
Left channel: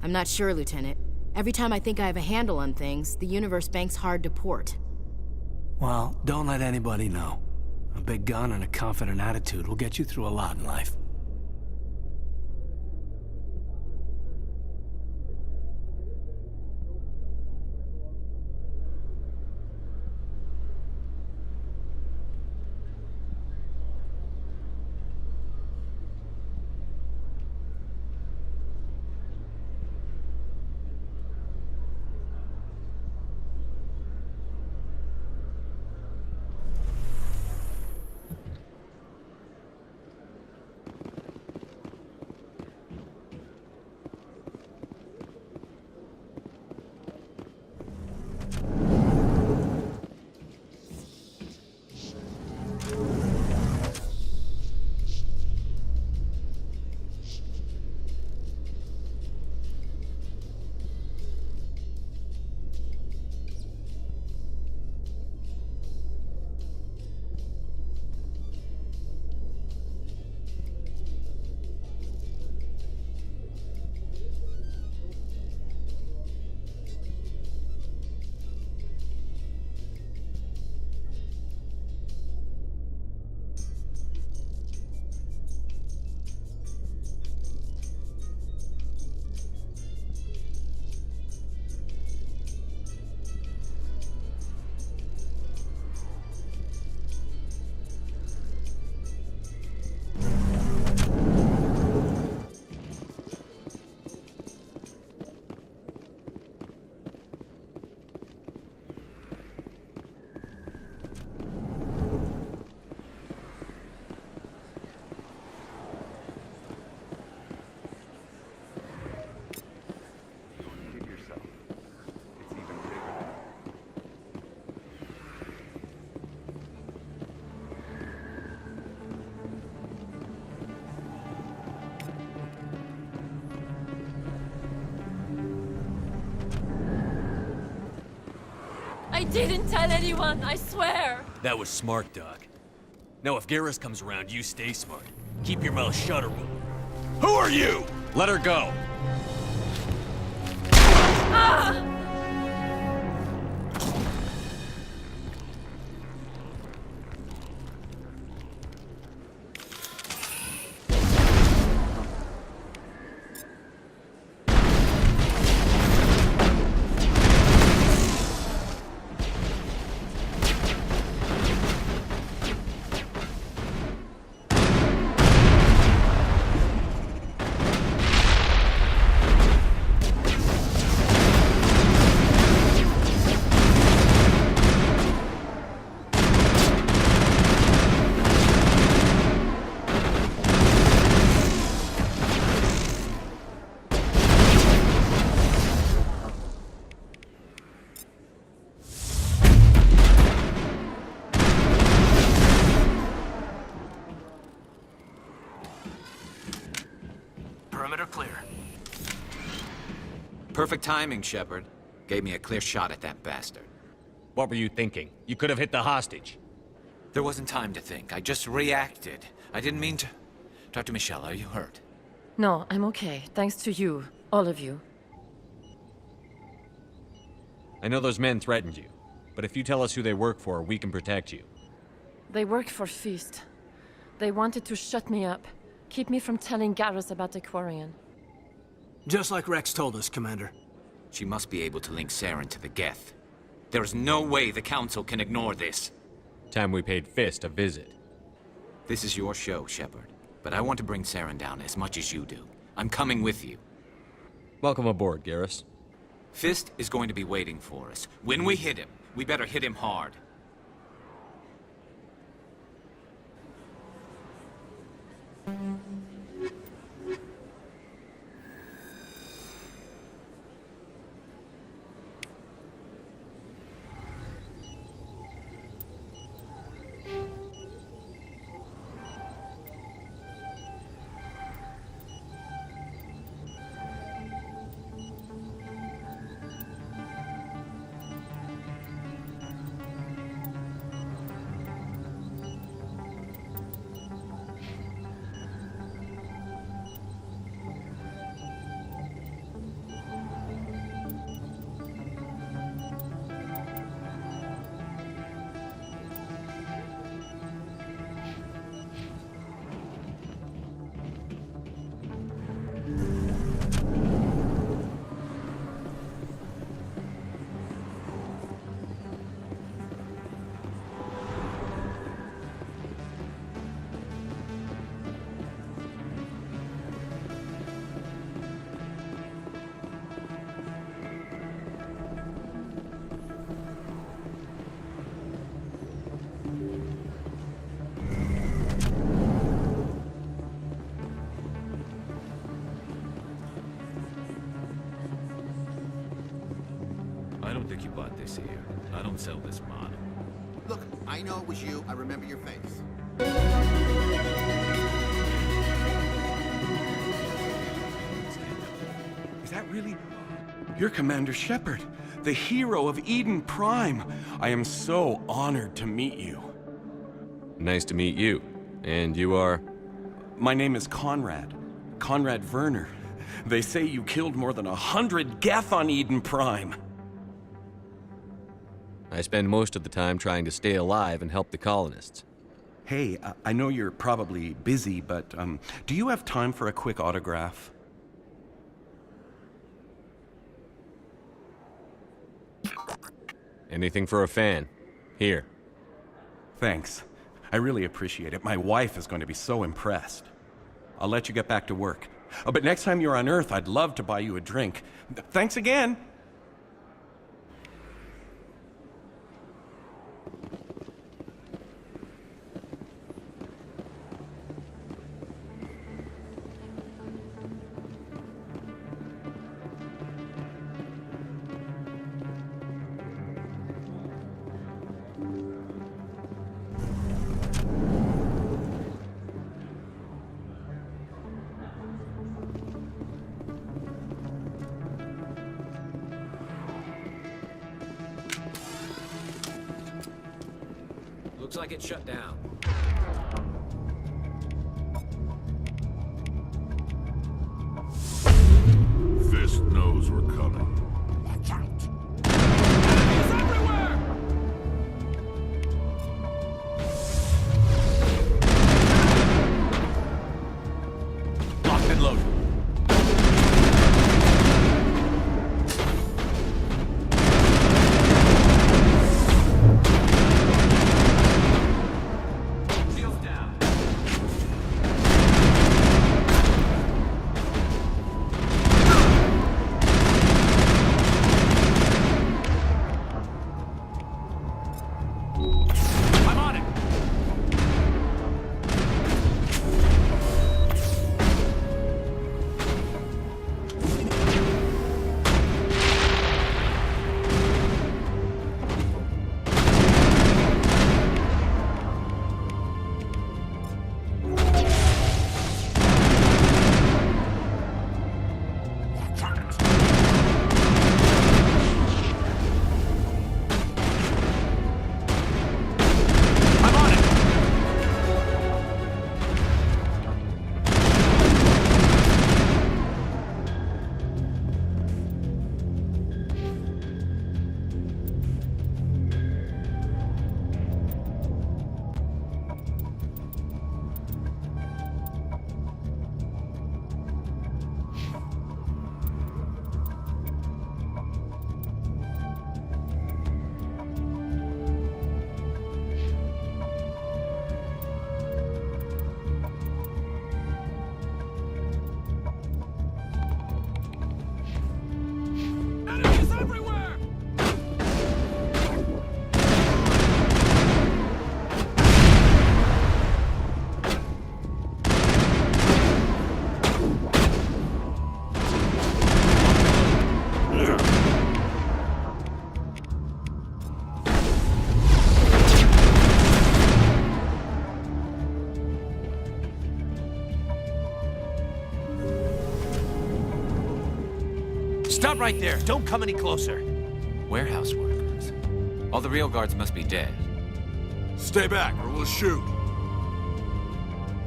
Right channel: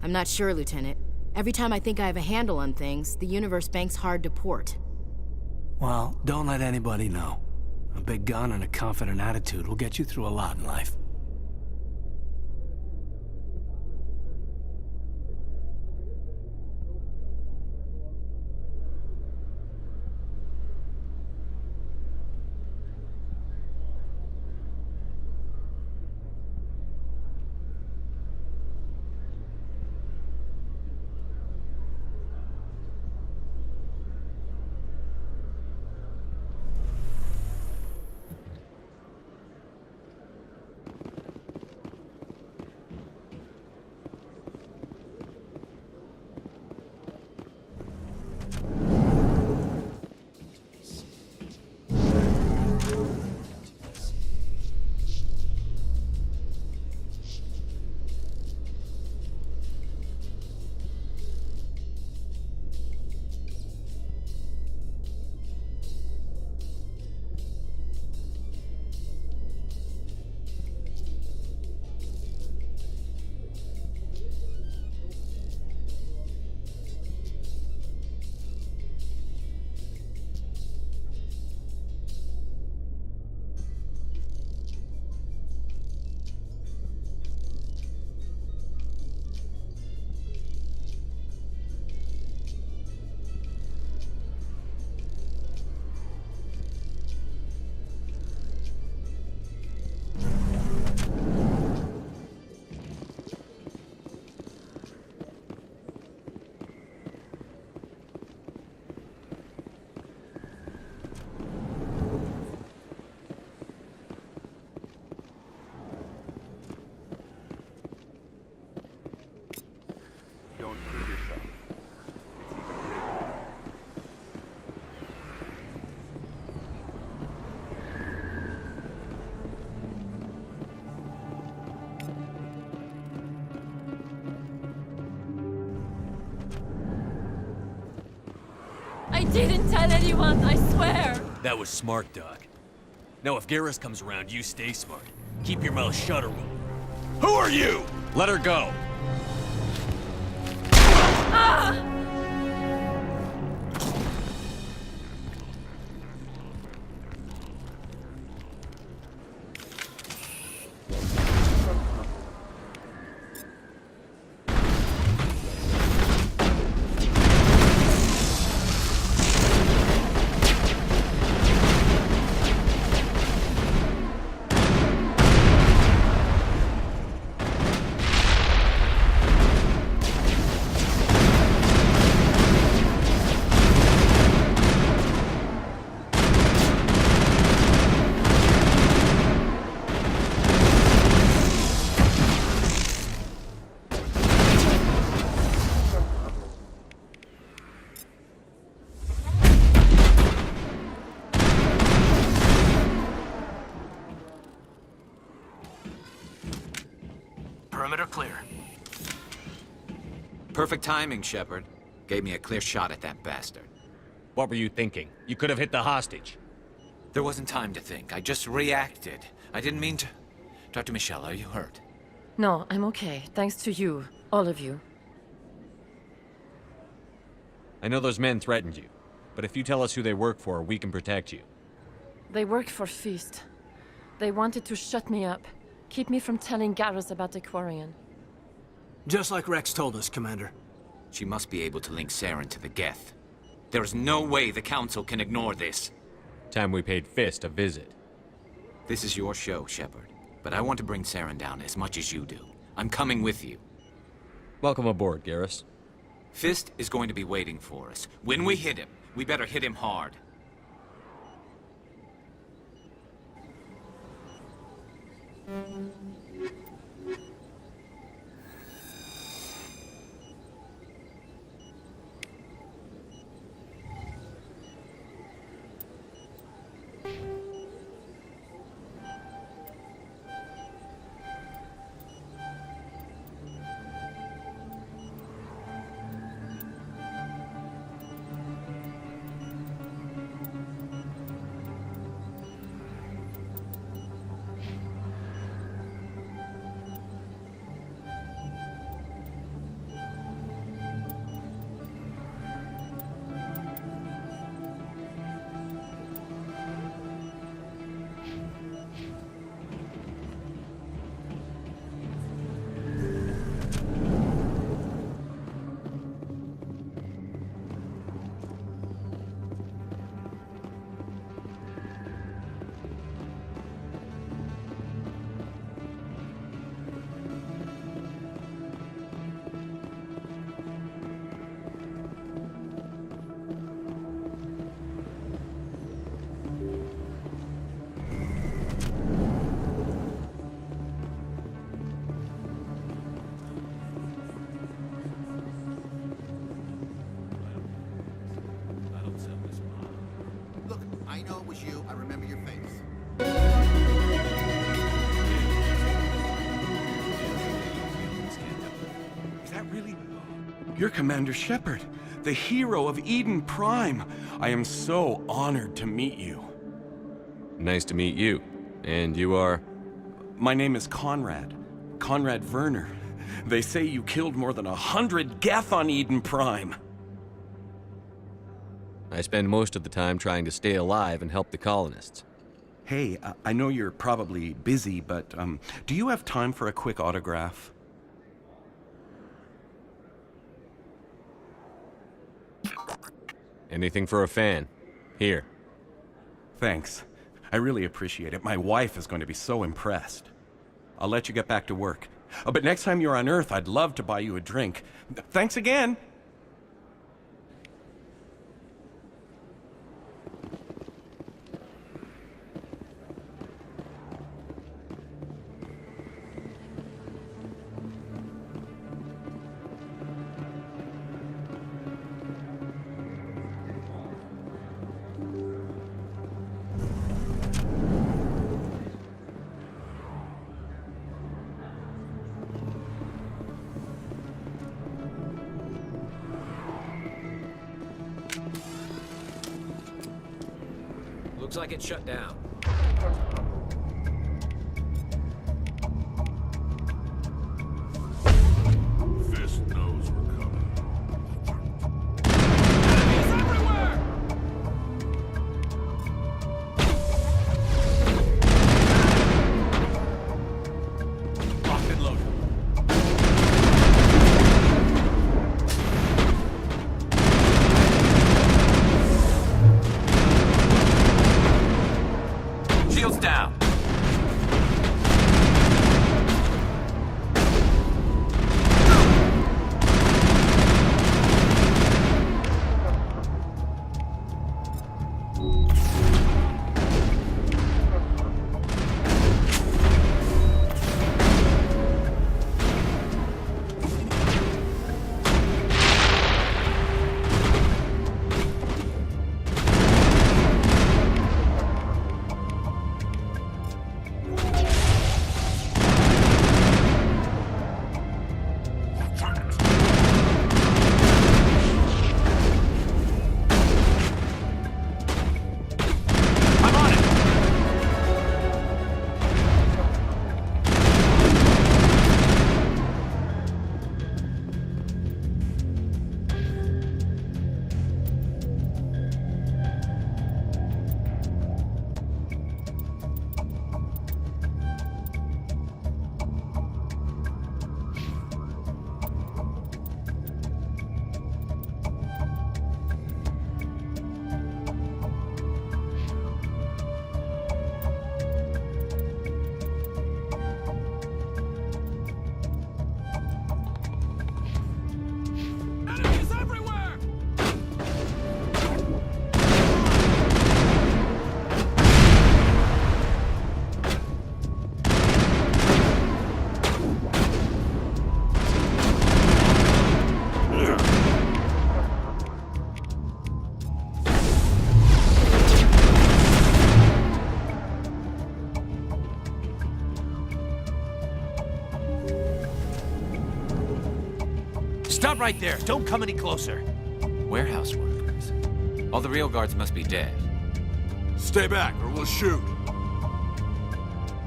I'm not sure, Lieutenant. Every time I think I have a handle on things, the universe banks hard to port. Well, don't let anybody know. A big gun and a confident attitude will get you through a lot in life. I didn't tell anyone, I swear! That was smart, Doc. Now if Garrus comes around, you stay smart. Keep your mouth shut or we'll... Who are you? Let her go! Ah! Perfect timing, Shepard. Gave me a clear shot at that bastard. What were you thinking? You could have hit the hostage. There wasn't time to think. I just reacted. I didn't mean to... Dr. Michelle, are you hurt? No, I'm okay. Thanks to you. All of you. I know those men threatened you, but if you tell us who they work for, we can protect you. They work for Feast. They wanted to shut me up, keep me from telling Garrus about the Quarian. Just like Rex told us, Commander. She must be able to link Saren to the Geth. There is no way the Council can ignore this. Time we paid Fist a visit. This is your show, Shepard. But I want to bring Saren down as much as you do. I'm coming with you. Welcome aboard, Garrus. Fist is going to be waiting for us. When we hit him, we better hit him hard. I don't think you bought this here. I don't sell this model. Look, I know it was you. I remember your face. Is that really... You're Commander Shepard, the hero of Eden Prime. I am so honored to meet you. Nice to meet you. And you are? My name is Conrad. Conrad Werner. They say you killed more than 100 Geth on Eden Prime. I spend most of the time trying to stay alive and help the colonists. Hey, I know you're probably busy, but do you have time for a quick autograph? Anything for a fan. Here. Thanks. I really appreciate it. My wife is going to be so impressed. I'll let you get back to work. But next time you're on Earth, I'd love to buy you a drink. Thanks again! right there. Don't come any closer. Warehouse workers. All the real guards must be dead. Stay back, or we'll shoot.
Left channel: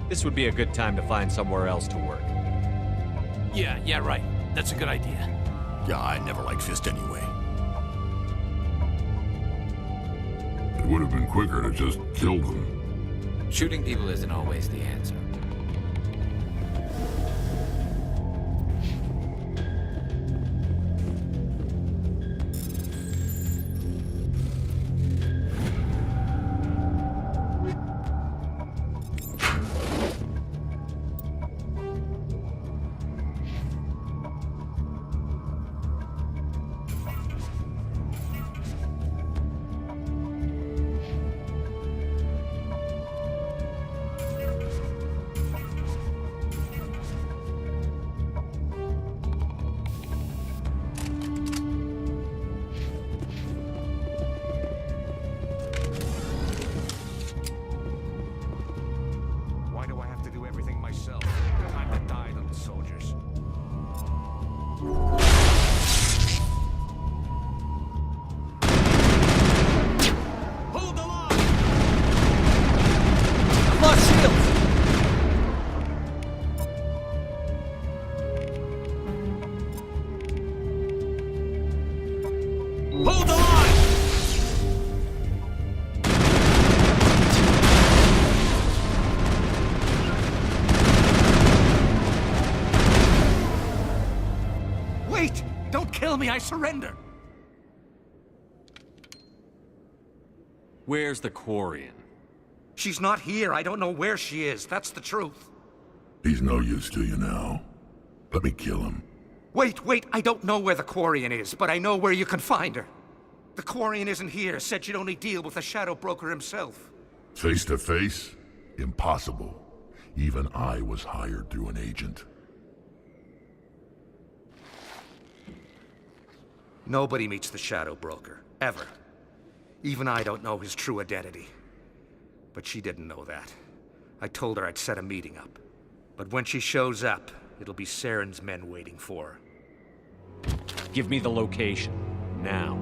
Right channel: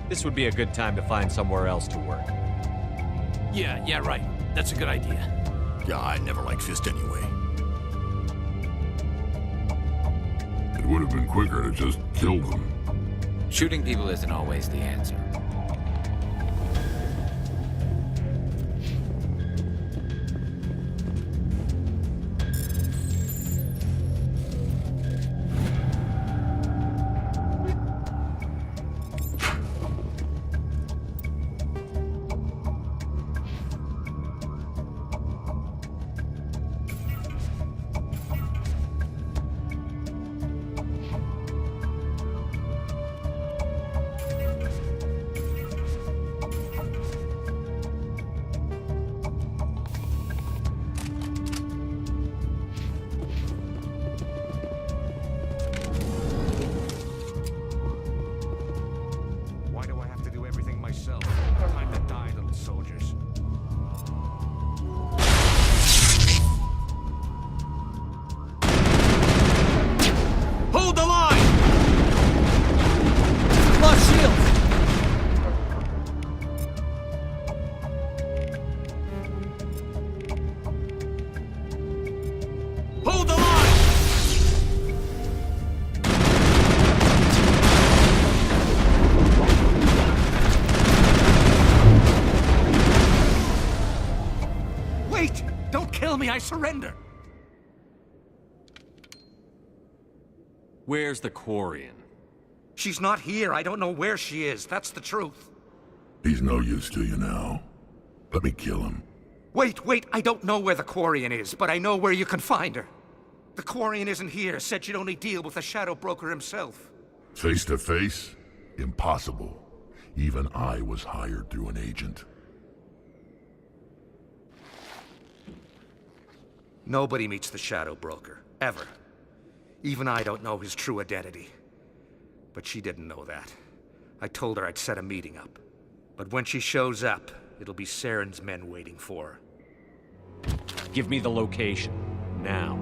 This would be a good time to find somewhere else to work. Yeah, right. That's a good idea. Yeah, I never liked Fist anyway. It would have been quicker to just kill them. Shooting people isn't always the answer. Why do I have to do everything myself? Time to die, little soldiers. Hold the line! I've lost shields! Hold the line! Wait! Don't kill me, I surrender! Where's the Quarian? She's not here. I don't know where she is. That's the truth. He's no use to you now. Let me kill him. Wait, I don't know where the Quarian is, but I know where you can find her. The Quarian isn't here. Said she'd only deal with the Shadow Broker himself. Face to face? Impossible. Even I was hired through an agent. Nobody meets the Shadow Broker, ever. Even I don't know his true identity. But she didn't know that. I told her I'd set a meeting up. But when she shows up, it'll be Saren's men waiting for her. Give me the location. Now.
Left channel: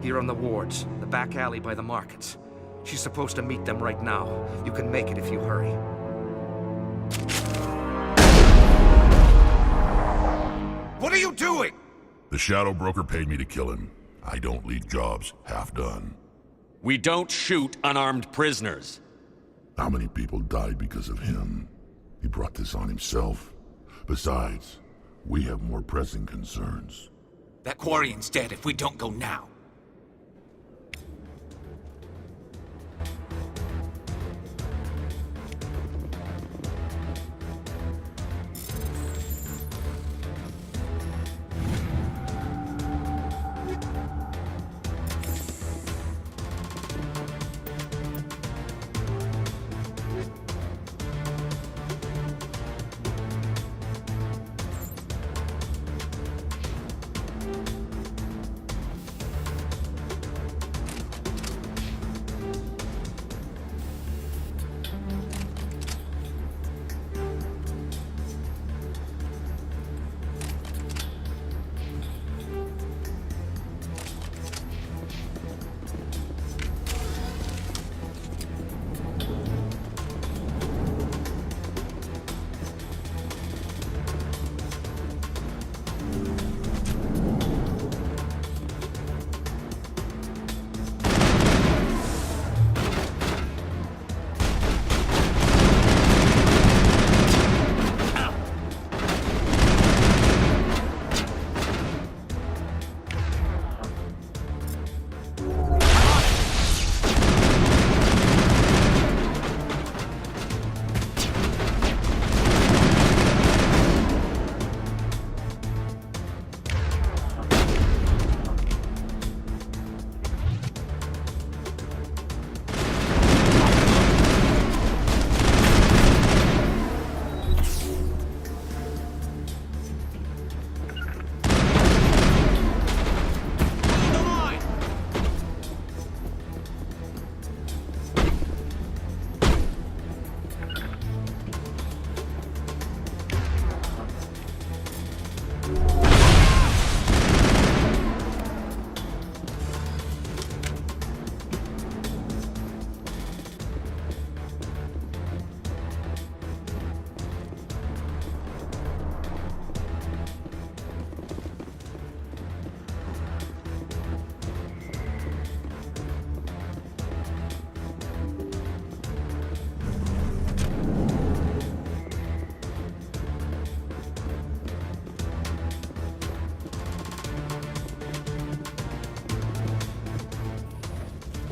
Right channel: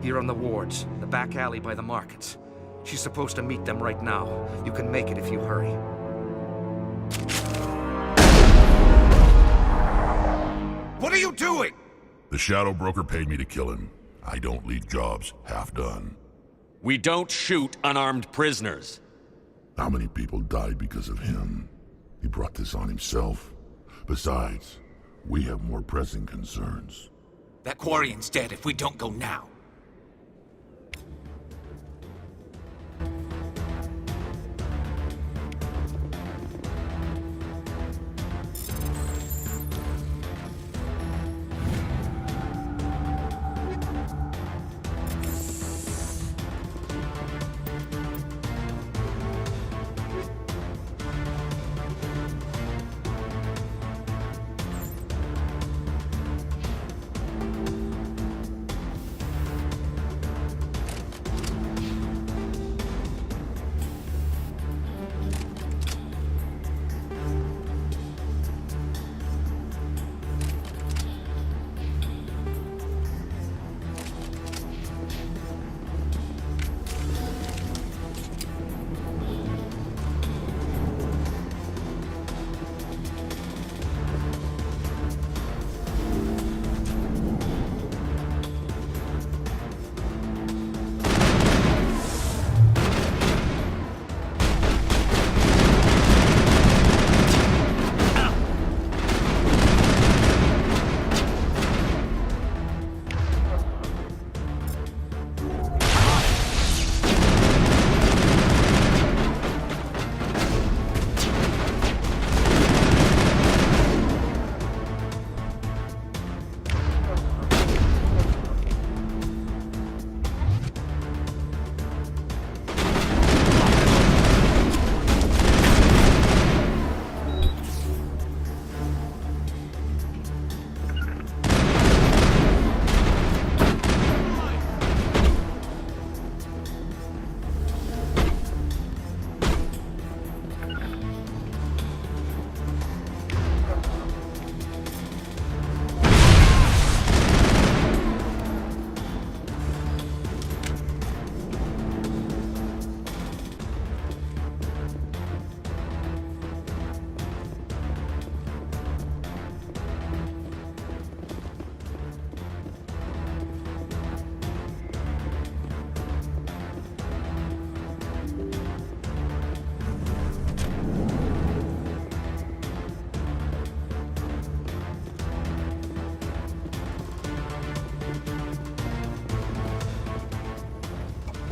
Here on the wards, the back alley by the markets. She's supposed to meet them right now. You can make it if you hurry. What are you doing? The Shadow Broker paid me to kill him. I don't leave jobs half done. We don't shoot unarmed prisoners. How many people died because of him? He brought this on himself. Besides, we have more pressing concerns. That Quarian's dead if we don't go now.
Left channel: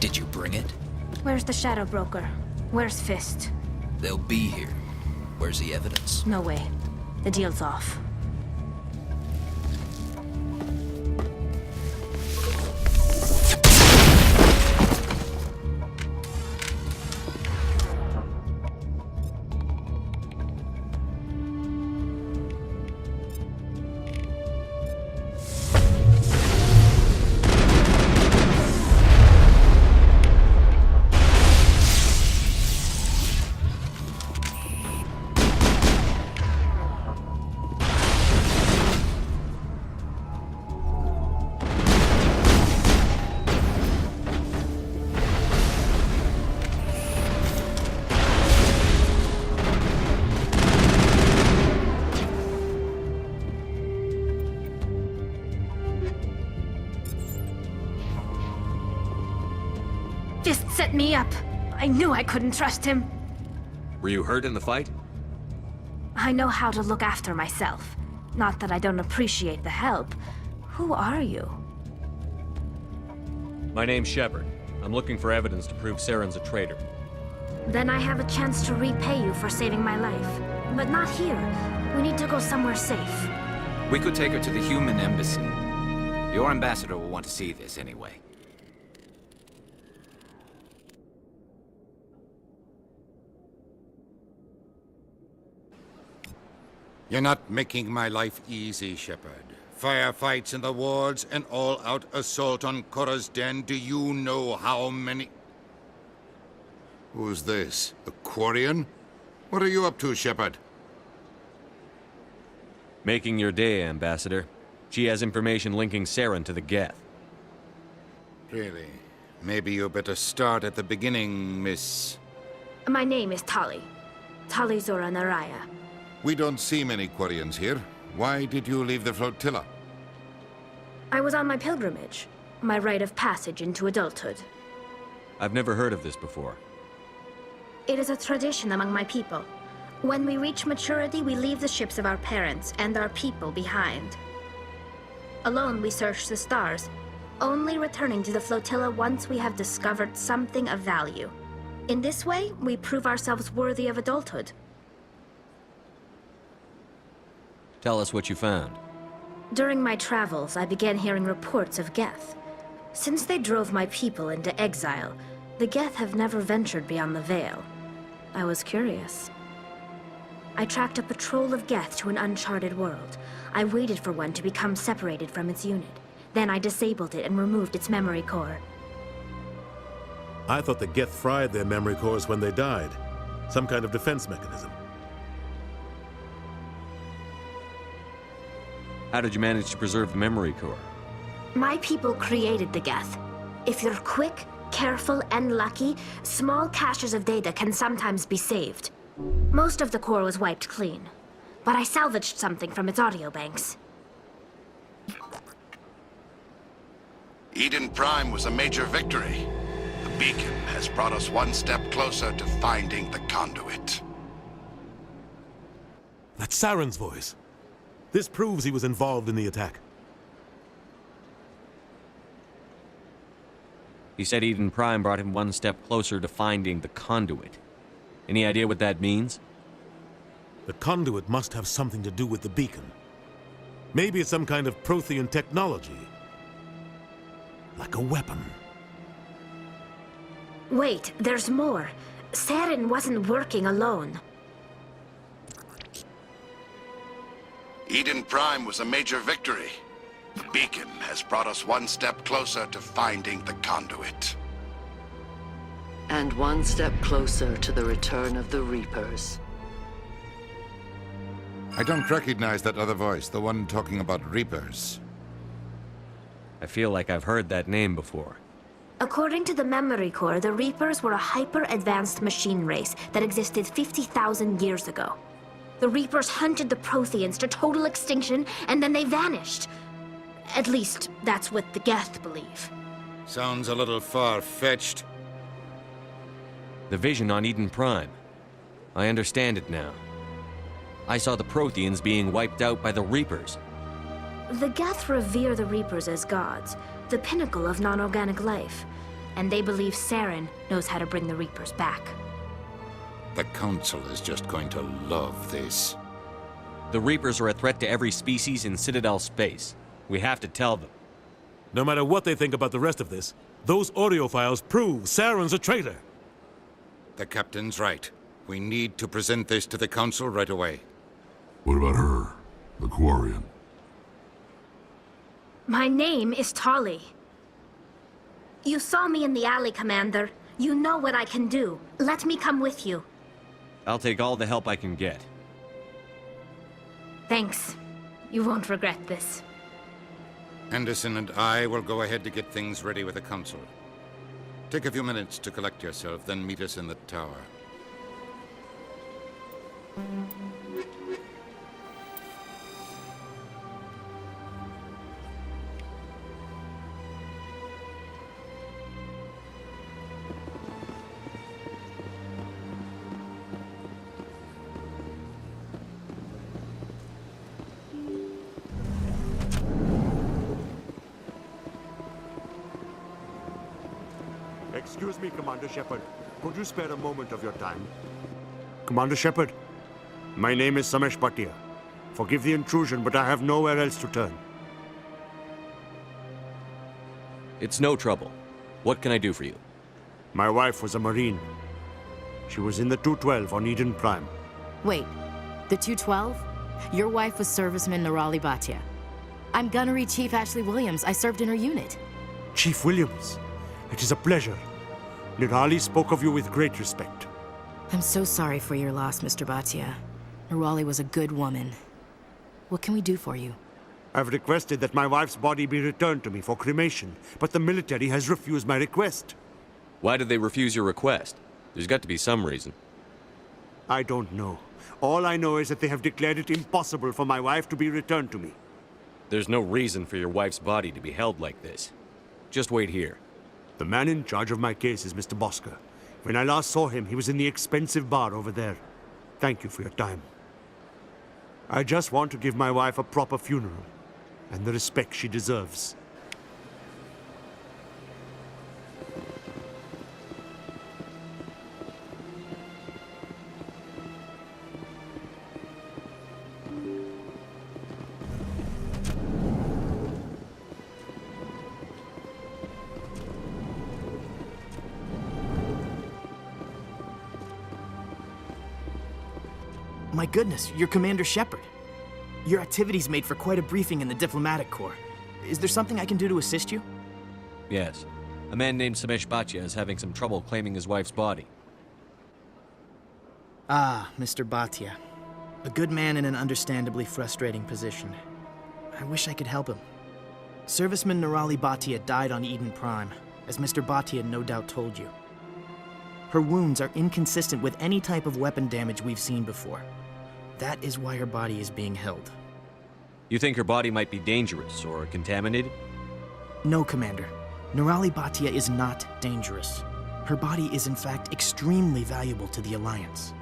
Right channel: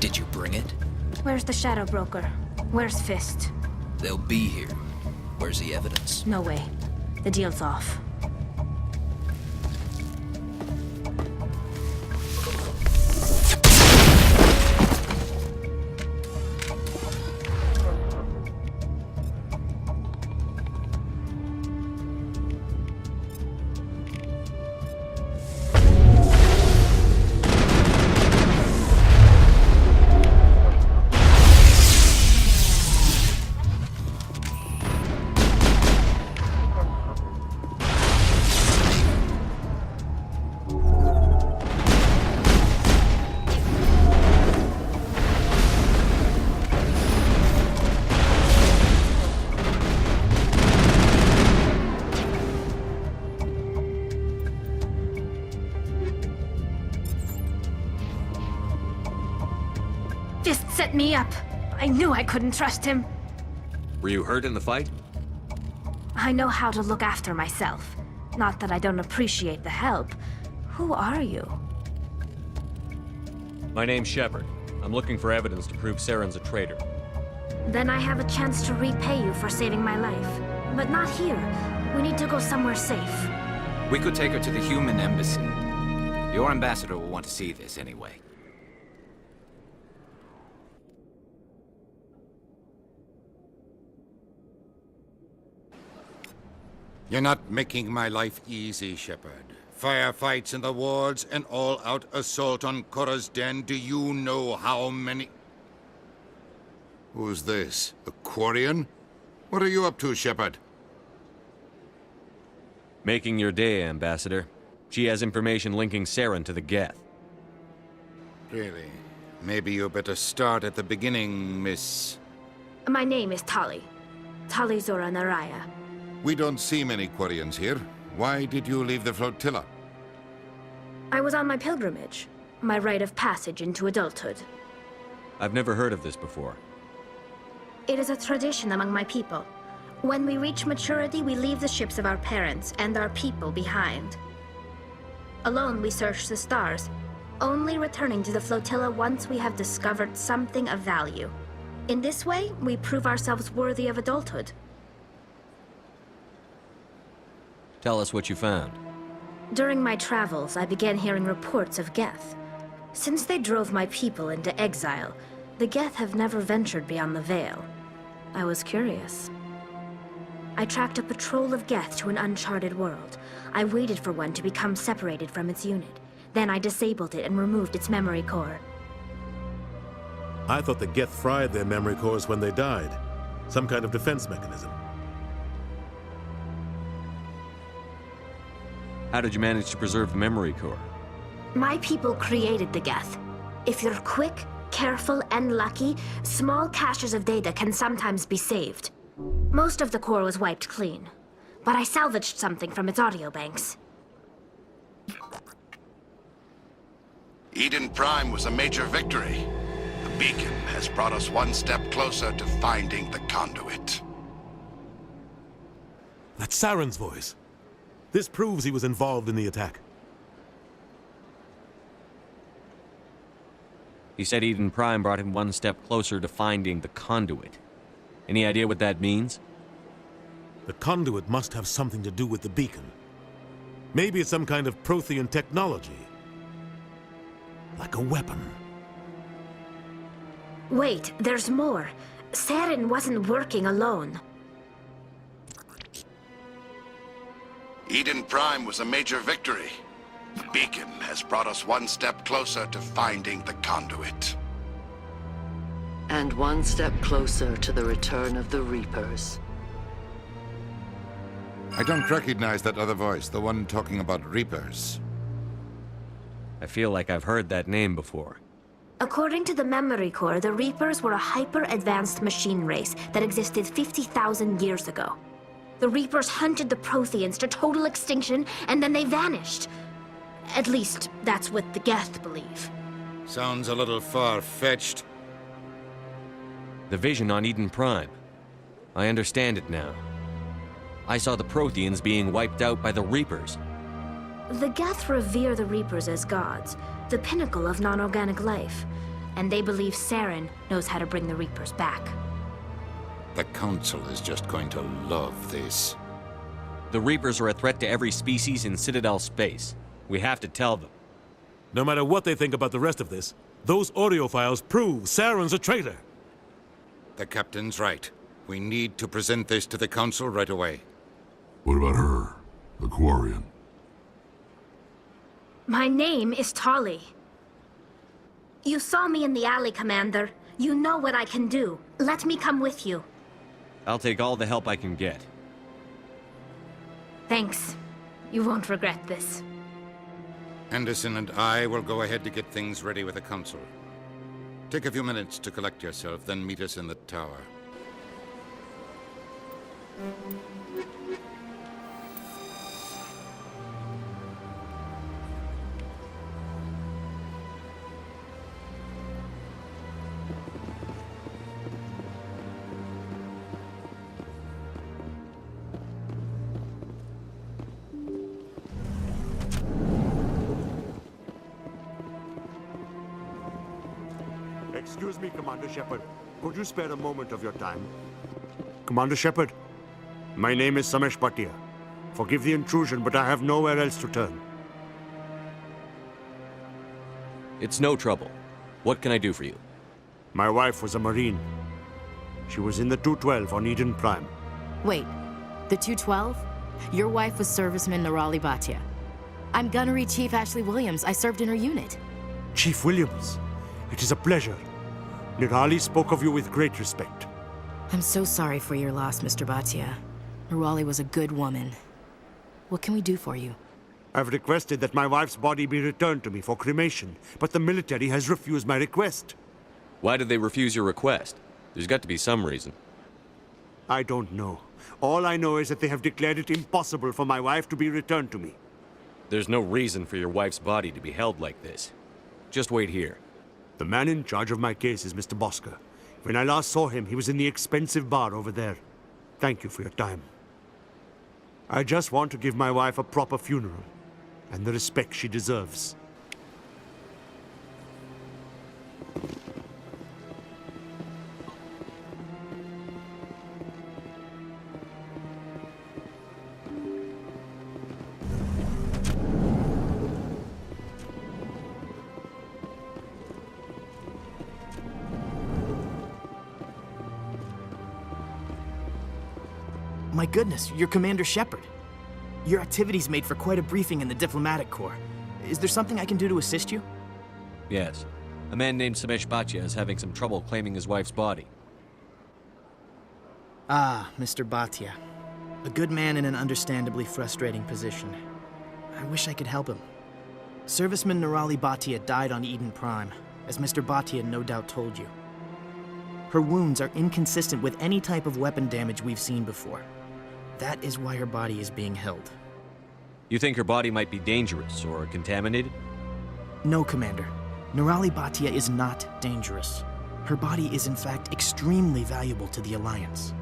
Did you bring it? Where's the Shadow Broker? Where's Fist? They'll be here. Where's the evidence? No way. The deal's off. Fist set me up. I knew I couldn't trust him. Were you hurt in the fight? I know how to look after myself. Not that I don't appreciate the help. Who are you? My name's Shepard. I'm looking for evidence to prove Saren's a traitor. Then I have a chance to repay you for saving my life. But not here. We need to go somewhere safe. We could take her to the human embassy. Your ambassador will want to see this anyway. You're not making my life easy, Shepard. Firefights in the wards, an all-out assault on Korra's den. Do you know how many... Who's this? A Quarian? What are you up to, Shepard? Making your day, Ambassador. She has information linking Saren to the Geth. Really? Maybe you better start at the beginning, Miss... My name is Tali. Tali Zora Naraya. We don't see many Quarians here. Why did you leave the flotilla? I was on my pilgrimage. My rite of passage into adulthood. I've never heard of this before. It is a tradition among my people. When we reach maturity, we leave the ships of our parents and our people behind. Alone, we search the stars, only returning to the flotilla once we have discovered something of value. In this way, we prove ourselves worthy of adulthood. Tell us what you found. During my travels, I began hearing reports of Geth. Since they drove my people into exile, the Geth have never ventured beyond the Veil. I was curious. I tracked a patrol of Geth to an uncharted world. I waited for one to become separated from its unit. Then I disabled it and removed its memory core. I thought the Geth fried their memory cores when they died. Some kind of defense mechanism. How did you manage to preserve the memory core? My people created the Geth. If you're quick, careful, and lucky, small caches of data can sometimes be saved. Most of the core was wiped clean, but I salvaged something from its audio banks. Eden Prime was a major victory. The beacon has brought us one step closer to finding the conduit. That's Saren's voice. This proves he was involved in the attack. He said Eden Prime brought him one step closer to finding the conduit. Any idea what that means? The conduit must have something to do with the beacon. Maybe it's some kind of Prothean technology. Like a weapon. Wait, there's more. Saren wasn't working alone. Eden Prime was a major victory. The beacon has brought us one step closer to finding the conduit. And one step closer to the return of the Reapers. I don't recognize that other voice, the one talking about Reapers. I feel like I've heard that name before. According to the memory core, the Reapers were a hyper-advanced machine race that existed 50,000 years ago. The Reapers hunted the Protheans to total extinction, and then they vanished. At least, that's what the Geth believe. Sounds a little far-fetched. The vision on Eden Prime. I understand it now. I saw the Protheans being wiped out by the Reapers. The Geth revere the Reapers as gods, the pinnacle of non-organic life. and they believe Saren knows how to bring the Reapers back. The Council is just going to love this. The Reapers are a threat to every species in Citadel space. We have to tell them. No matter what they think about the rest of this, those audio files prove Saren's a traitor. The Captain's right. We need to present this to the Council right away. What about her, the Quarian? My name is Tolly. You saw me in the alley, Commander. You know what I can do. Let me come with you. I'll take all the help I can get. Thanks. You won't regret this. Anderson and I will go ahead to get things ready with the Council. Take a few minutes to collect yourself, then meet us in the tower. Excuse me, Commander Shepard. Could you spare a moment of your time? Commander Shepard, my name is Samesh Bhatia. Forgive the intrusion, but I have nowhere else to turn. It's no trouble. What can I do for you? My wife was a Marine. She was in the 212 on Eden Prime. Wait, the 212? Your wife was serviceman Nirali Bhatia. I'm Gunnery Chief Ashley Williams. I served in her unit. Chief Williams, it is a pleasure. Nirali spoke of you with great respect. I'm so sorry for your loss, Mr. Bhatia. Nirali was a good woman. What can we do for you? I've requested that my wife's body be returned to me for cremation, but the military has refused my request. Why did they refuse your request? There's got to be some reason. I don't know. All I know is that they have declared it impossible for my wife to be returned to me. There's no reason for your wife's body to be held like this. Just wait here. The man in charge of my case is Mr. Bosker. When I last saw him, he was in the expensive bar over there. Thank you for your time. I just want to give my wife a proper funeral, and the respect she deserves. My goodness, you're Commander Shepard. Your activities made for quite a briefing in the Diplomatic Corps. Is there something I can do to assist you? Yes. A man named Samesh Bhatia is having some trouble claiming his wife's body. Ah, Mr. Bhatia. A good man in an understandably frustrating position. I wish I could help him. Serviceman Nirali Bhatia died on Eden Prime, as Mr. Bhatia no doubt told you. Her wounds are inconsistent with any type of weapon damage we've seen before. That is why her body is being held. You think her body might be dangerous or contaminated? No, Commander. Nirali Bhatia is not dangerous. Her body is in fact extremely valuable to the Alliance.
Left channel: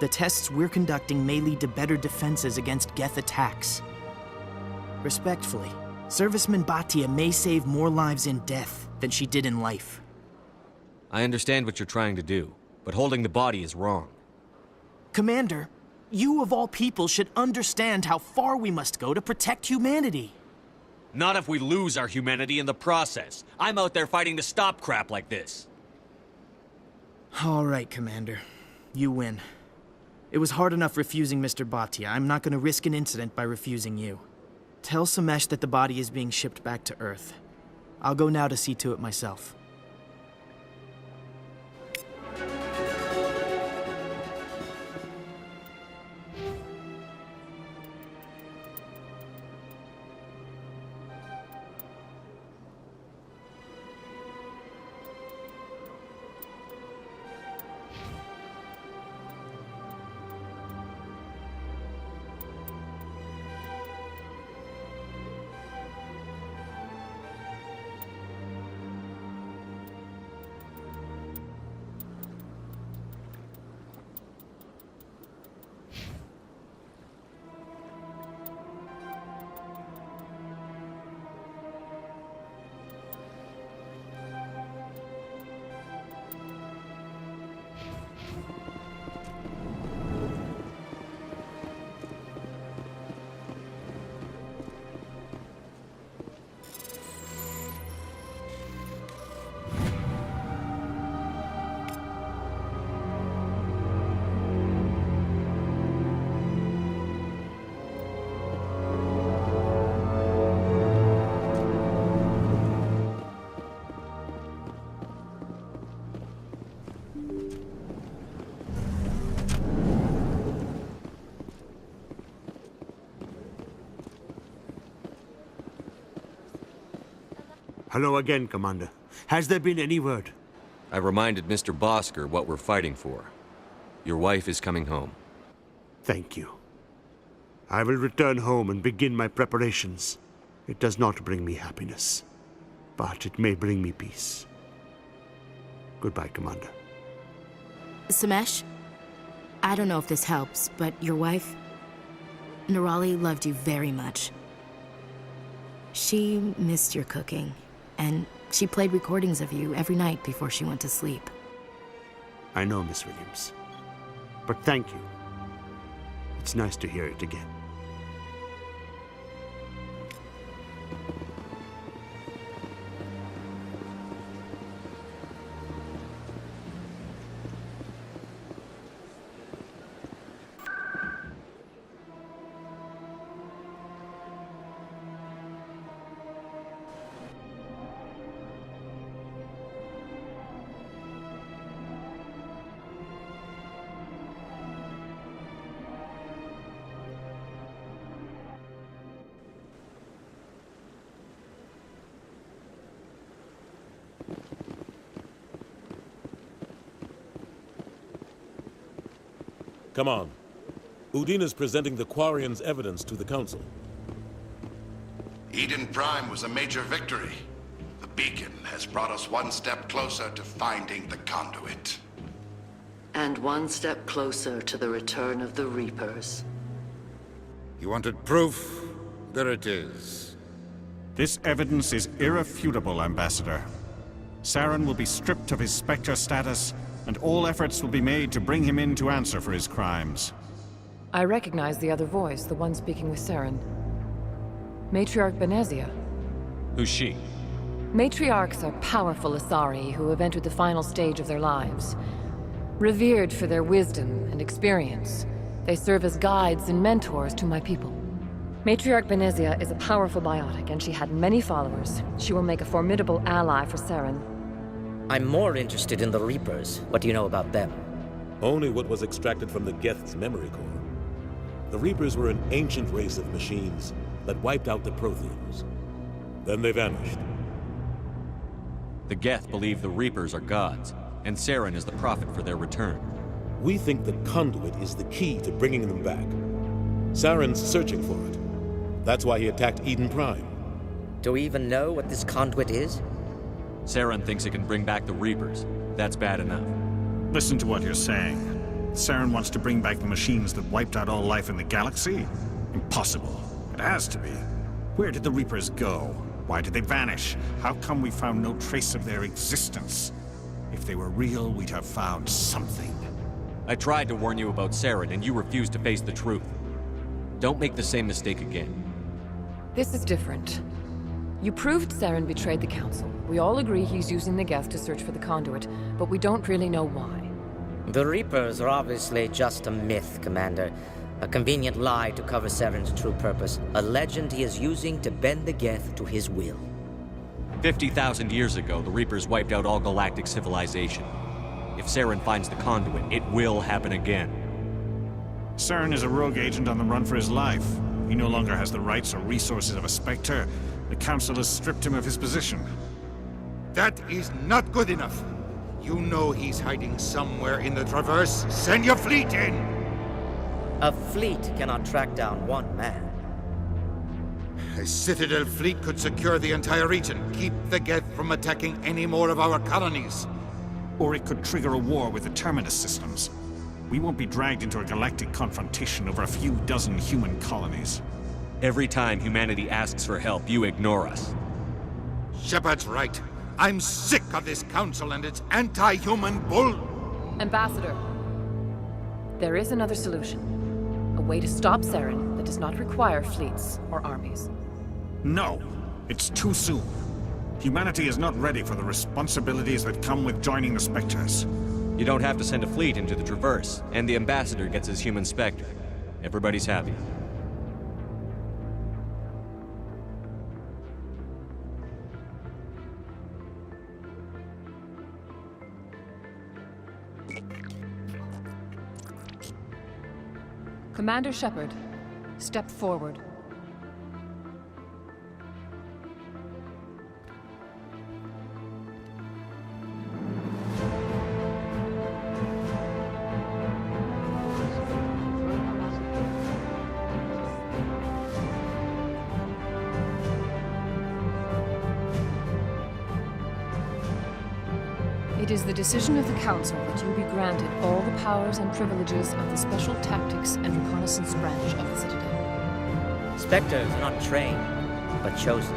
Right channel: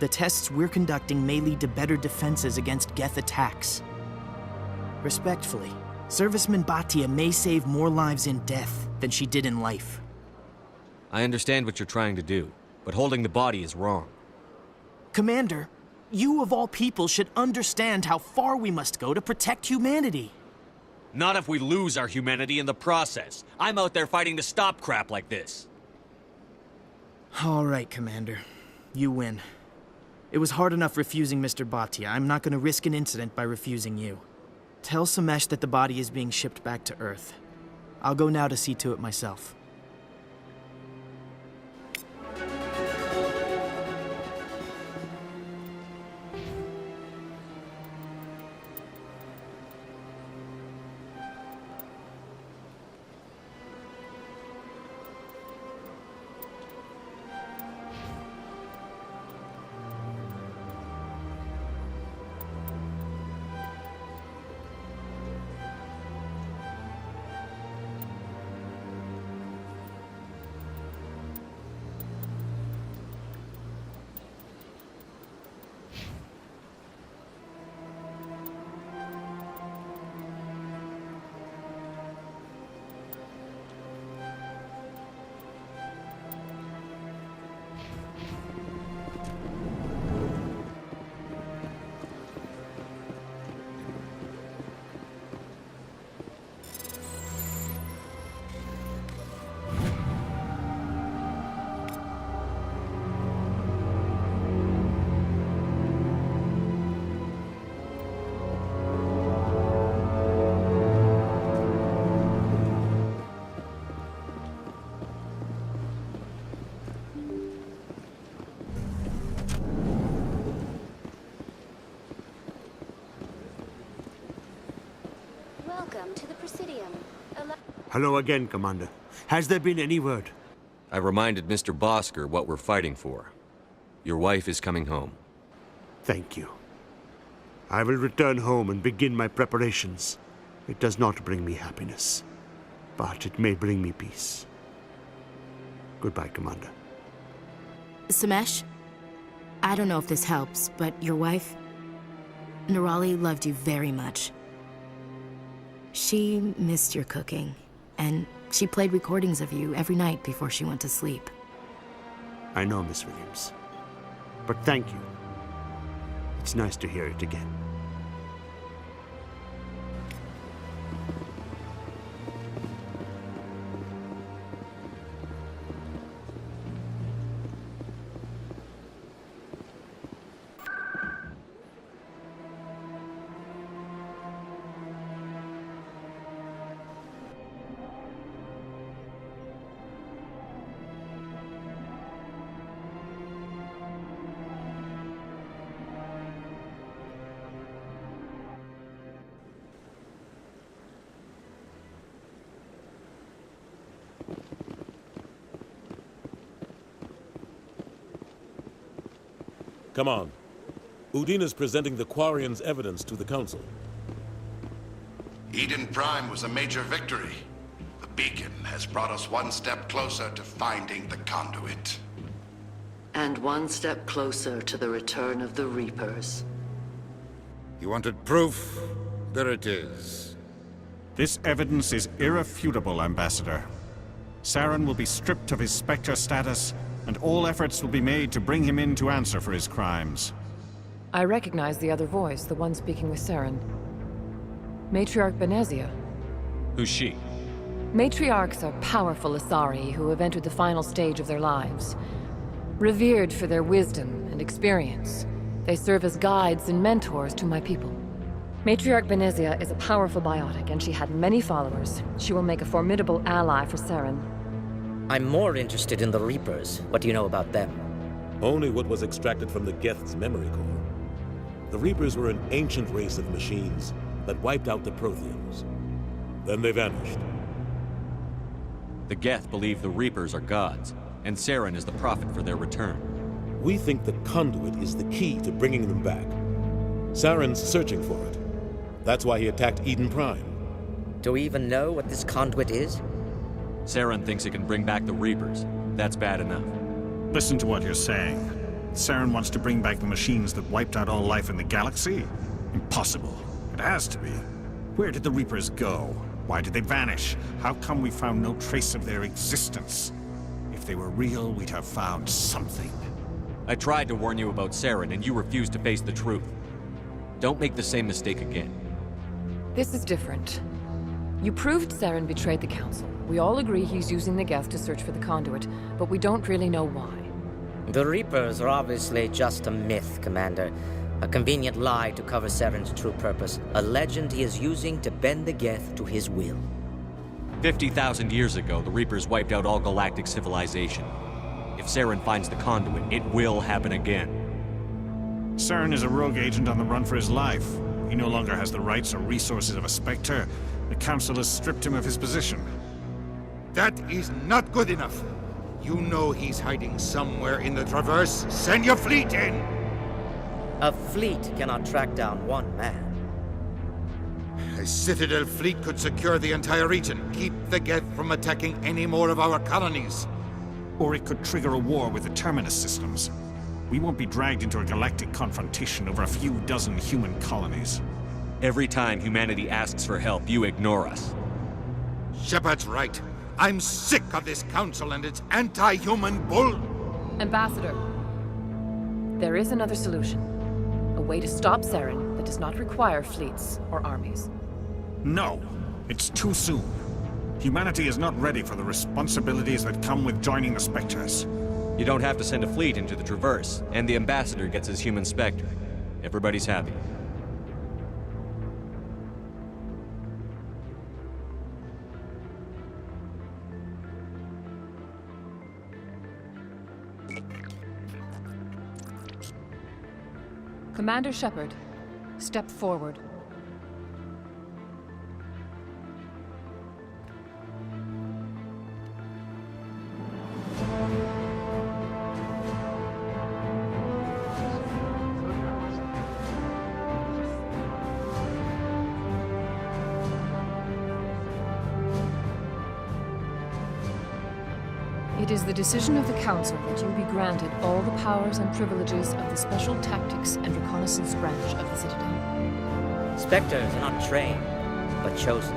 The tests we're conducting may lead to better defenses against Geth attacks. Respectfully, Serviceman Bhatia may save more lives in death than she did in life. I understand what you're trying to do, but holding the body is wrong. Commander, you of all people should understand how far we must go to protect humanity. Not if we lose our humanity in the process. I'm out there fighting to stop crap like this. All right, Commander. You win. It was hard enough refusing Mr. Bhatia. I'm not going to risk an incident by refusing you. Tell Samesh that the body is being shipped back to Earth. I'll go now to see to it myself. Hello again, Commander. Has there been any word? I reminded Mr. Bosker what we're fighting for. Your wife is coming home. Thank you. I will return home and begin my preparations. It does not bring me happiness, but it may bring me peace. Goodbye, Commander. Samesh, I don't know if this helps, but your wife, Nerali, loved you very much. She missed your cooking, and she played recordings of you every night before she went to sleep. I know, Miss Williams. But thank you. It's nice to hear it again. Come on. Udine is presenting the Quarians' evidence to the Council. Eden Prime was a major victory. The beacon has brought us one step closer to finding the conduit. And one step closer to the return of the Reapers. You wanted proof? There it is. This evidence is irrefutable, Ambassador. Saren will be stripped of his Spectre status, and all efforts will be made to bring him in to answer for his crimes. I recognize the other voice, the one speaking with Saren. Matriarch Benezia. Who's she? Matriarchs are powerful Asari who have entered the final stage of their lives. Revered for their wisdom and experience, they serve as guides and mentors to my people. Matriarch Benezia is a powerful biotic, and she had many followers. She will make a formidable ally for Saren. I'm more interested in the Reapers. What do you know about them? Only what was extracted from the Geth's memory core. The Reapers were an ancient race of machines that wiped out the Protheans. Then they vanished. The Geth believe the Reapers are gods, and Saren is the prophet for their return. We think the conduit is the key to bringing them back. Saren's searching for it. That's why he attacked Eden Prime. Do we even know what this conduit is? Saren thinks it can bring back the Reapers. That's bad enough. Listen to what you're saying. Saren wants to bring back the machines that wiped out all life in the galaxy? Impossible. It has to be. Where did the Reapers go? Why did they vanish? How come we found no trace of their existence? If they were real, we'd have found something. I tried to warn you about Saren, and you refused to face the truth. Don't make the same mistake again. This is different. You proved Saren betrayed the Council. We all agree he's using the Geth to search for the conduit, but we don't really know why. The Reapers are obviously just a myth, Commander. A convenient lie to cover Saren's true purpose. A legend he is using to bend the Geth to his will. 50,000 years ago, the Reapers wiped out all galactic civilization. If Saren finds the conduit, it will happen again. Saren is a rogue agent on the run for his life. He no longer has the rights or resources of a Spectre. The Council has stripped him of his position. That is not good enough. You know he's hiding somewhere in the Traverse. Send your fleet in! A fleet cannot track down one man. A Citadel fleet could secure the entire region, keep the Geth from attacking any more of our colonies. Or it could trigger a war with the Terminus systems. We won't be dragged into a galactic confrontation over a few dozen human colonies. Every time humanity asks for help, you ignore us. Shepard's right. I'm sick of this council and its anti-human bull. Ambassador, there is another solution. A way to stop Saren that does not require fleets or armies. No, it's too soon. Humanity is not ready for the responsibilities that come with joining the Spectres. You don't have to send a fleet into the Traverse, and the Ambassador gets his human Spectre. Everybody's happy. Commander Shepard, step forward. It is the decision of the Council that you be granted all the powers and privileges of the Special Tactics and Reconnaissance Branch of the Citadel. Spectres are not trained, but chosen.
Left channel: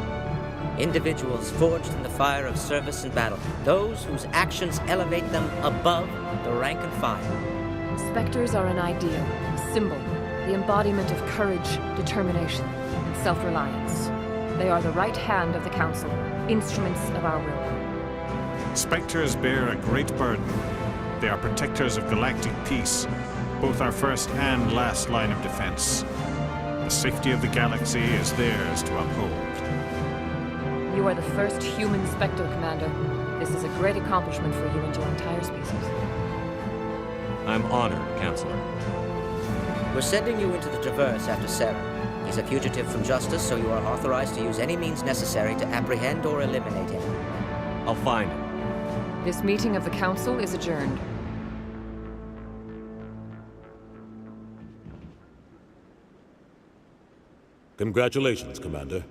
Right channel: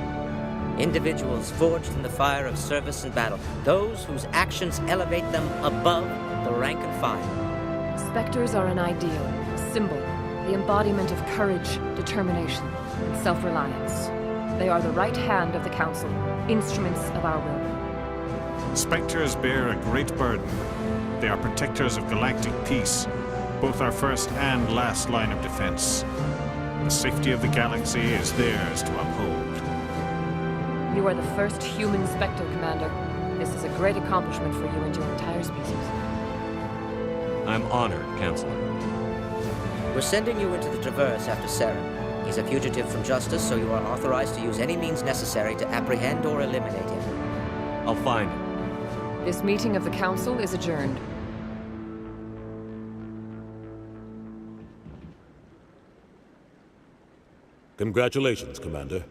Individuals forged in the fire of service and battle. Those whose actions elevate them above the rank and file. Spectres are an ideal, a symbol, the embodiment of courage, determination, and self-reliance. They are the right hand of the Council, instruments of our will. Spectres bear a great burden. They are protectors of galactic peace, both our first and last line of defense. The safety of the galaxy is theirs to uphold. You are the first human Spectre, Commander. This is a great accomplishment for you and your entire species. I'm honored, Counselor. We're sending you into the Traverse after Saren. He's a fugitive from justice, so you are authorized to use any means necessary to apprehend or eliminate him. I'll find him. This meeting of the Council is adjourned. Congratulations, Commander.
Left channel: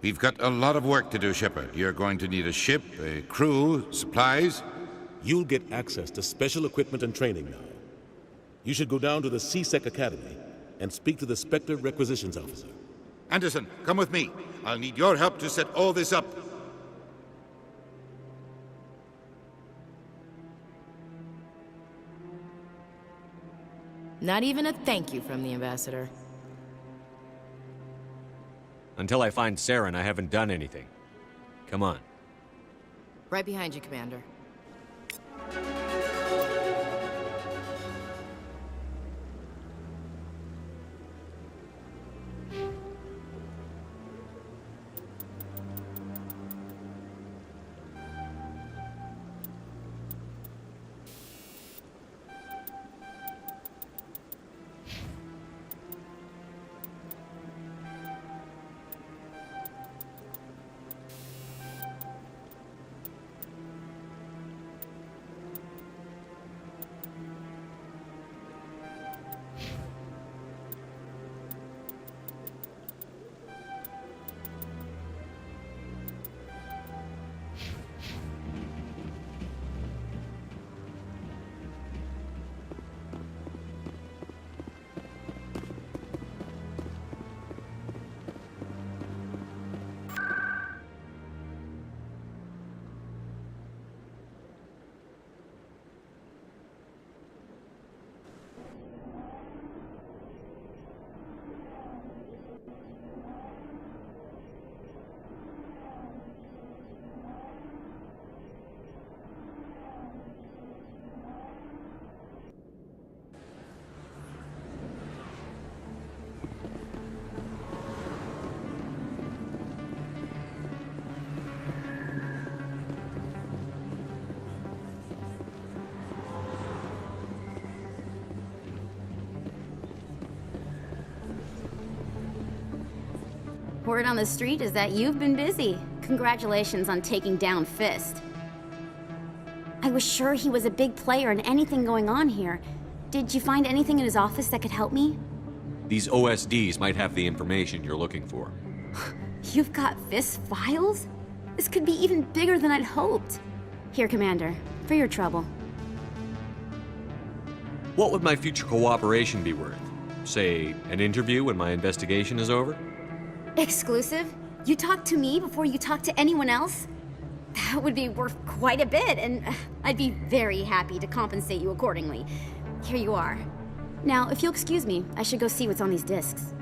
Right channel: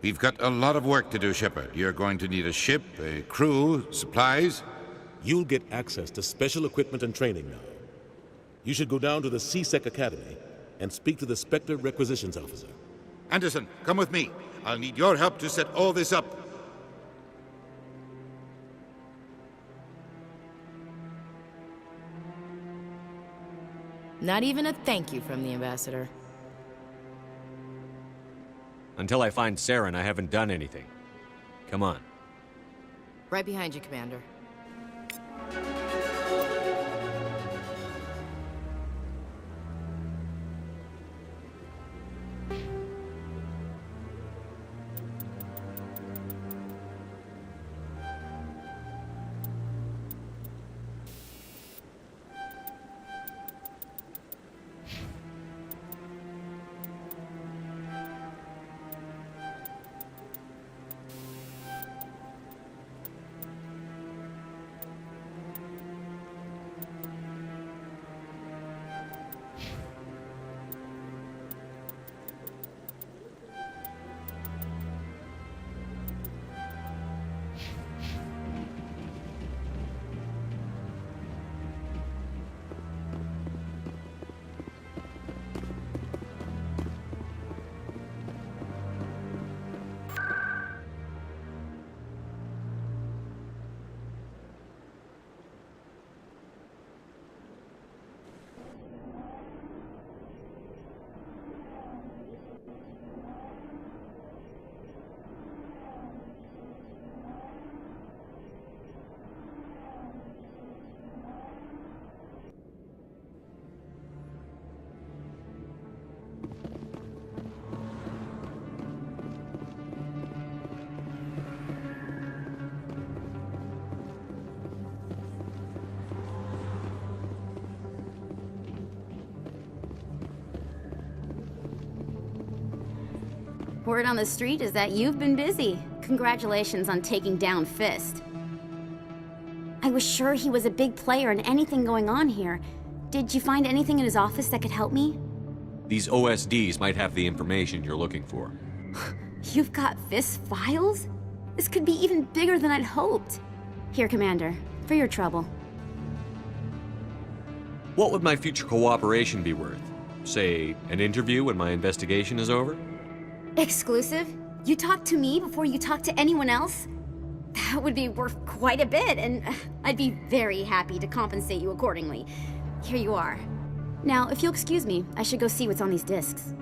We've got a lot of work to do, Shepard. You're going to need a ship, a crew, supplies. You'll get access to special equipment and training now. You should go down to the C-Sec Academy and speak to the Spectre Requisitions Officer. Anderson, come with me. I'll need your help to set all this up. Not even a thank you from the Ambassador. Until I find Saren, I haven't done anything. Come on. Right behind you, Commander. Word on the street is that you've been busy. Congratulations on taking down Fist. I was sure he was a big player in anything going on here. Did you find anything in his office that could help me? These OSDs might have the information you're looking for. You've got Fist's files? This could be even bigger than I'd hoped. Here, Commander, for your trouble. What would my future cooperation be worth? Say, an interview when my investigation is over? Exclusive? You talk to me before you talk to anyone else? That would be worth quite a bit, and I'd be very happy to compensate you accordingly. Here you are. Now, if you'll excuse me, I should go see what's on these discs.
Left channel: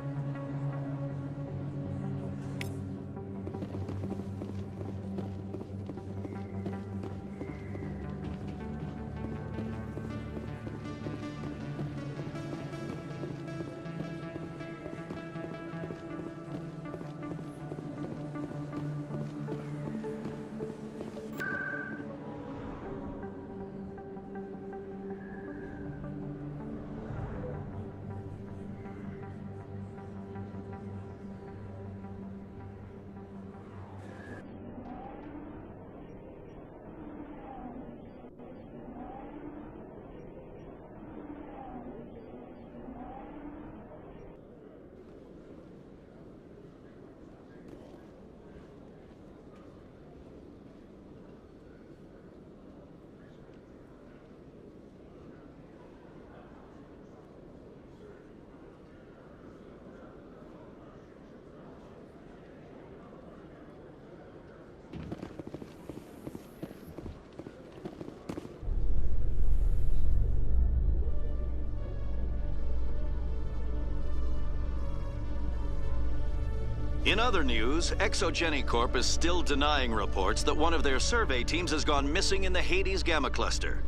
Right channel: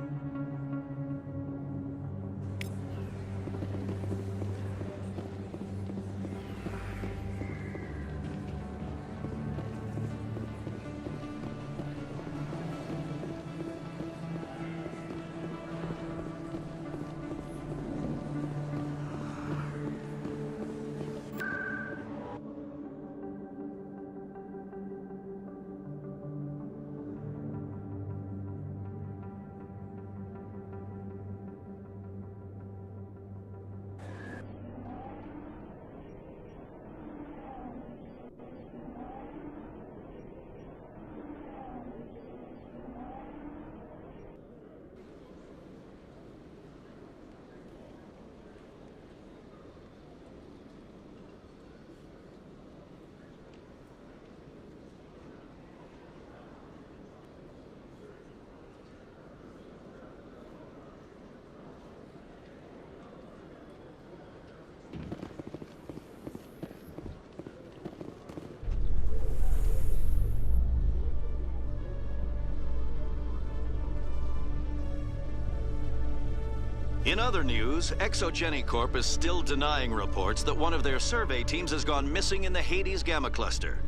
In other news, Exogeny Corp is still denying reports that one of their survey teams has gone missing in the Hades Gamma Cluster.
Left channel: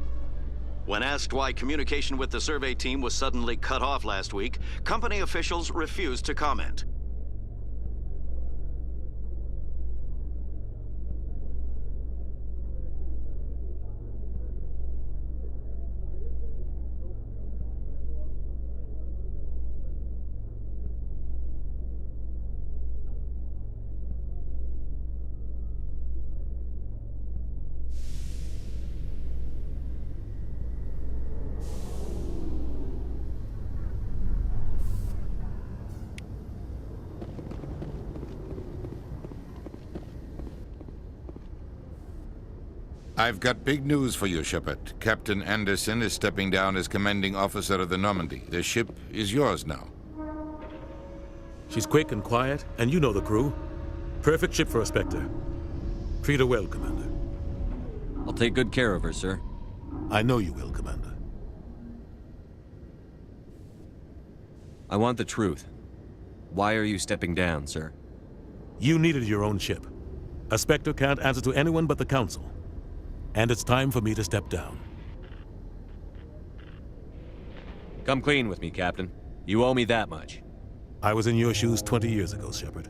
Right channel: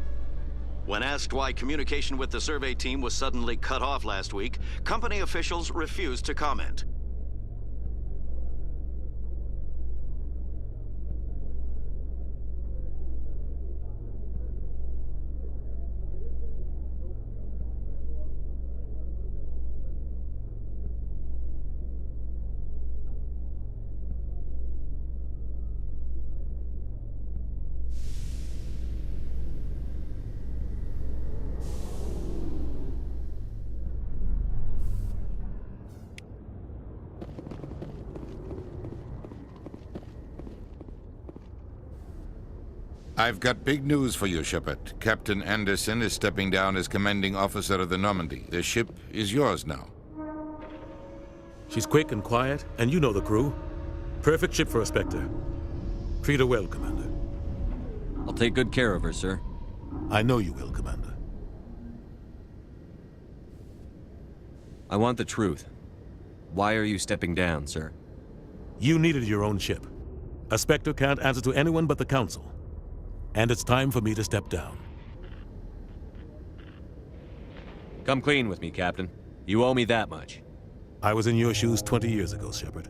When asked why communication with the survey team was suddenly cut off last week, company officials refused to comment. I've got big news for you, Shepard. Captain Anderson is stepping down as commanding officer of the Normandy. The ship is yours now. She's quick and quiet, and you know the crew. Perfect ship for a Spectre. Treat her well, Commander. I'll take good care of her, sir. I know you will, Commander. I want the truth. Why are you stepping down, sir? You needed your own ship. A Spectre can't answer to anyone but the Council. And it's time for me to step down. Come clean with me, Captain. You owe me that much. I was in your shoes 20 years ago, Shepard.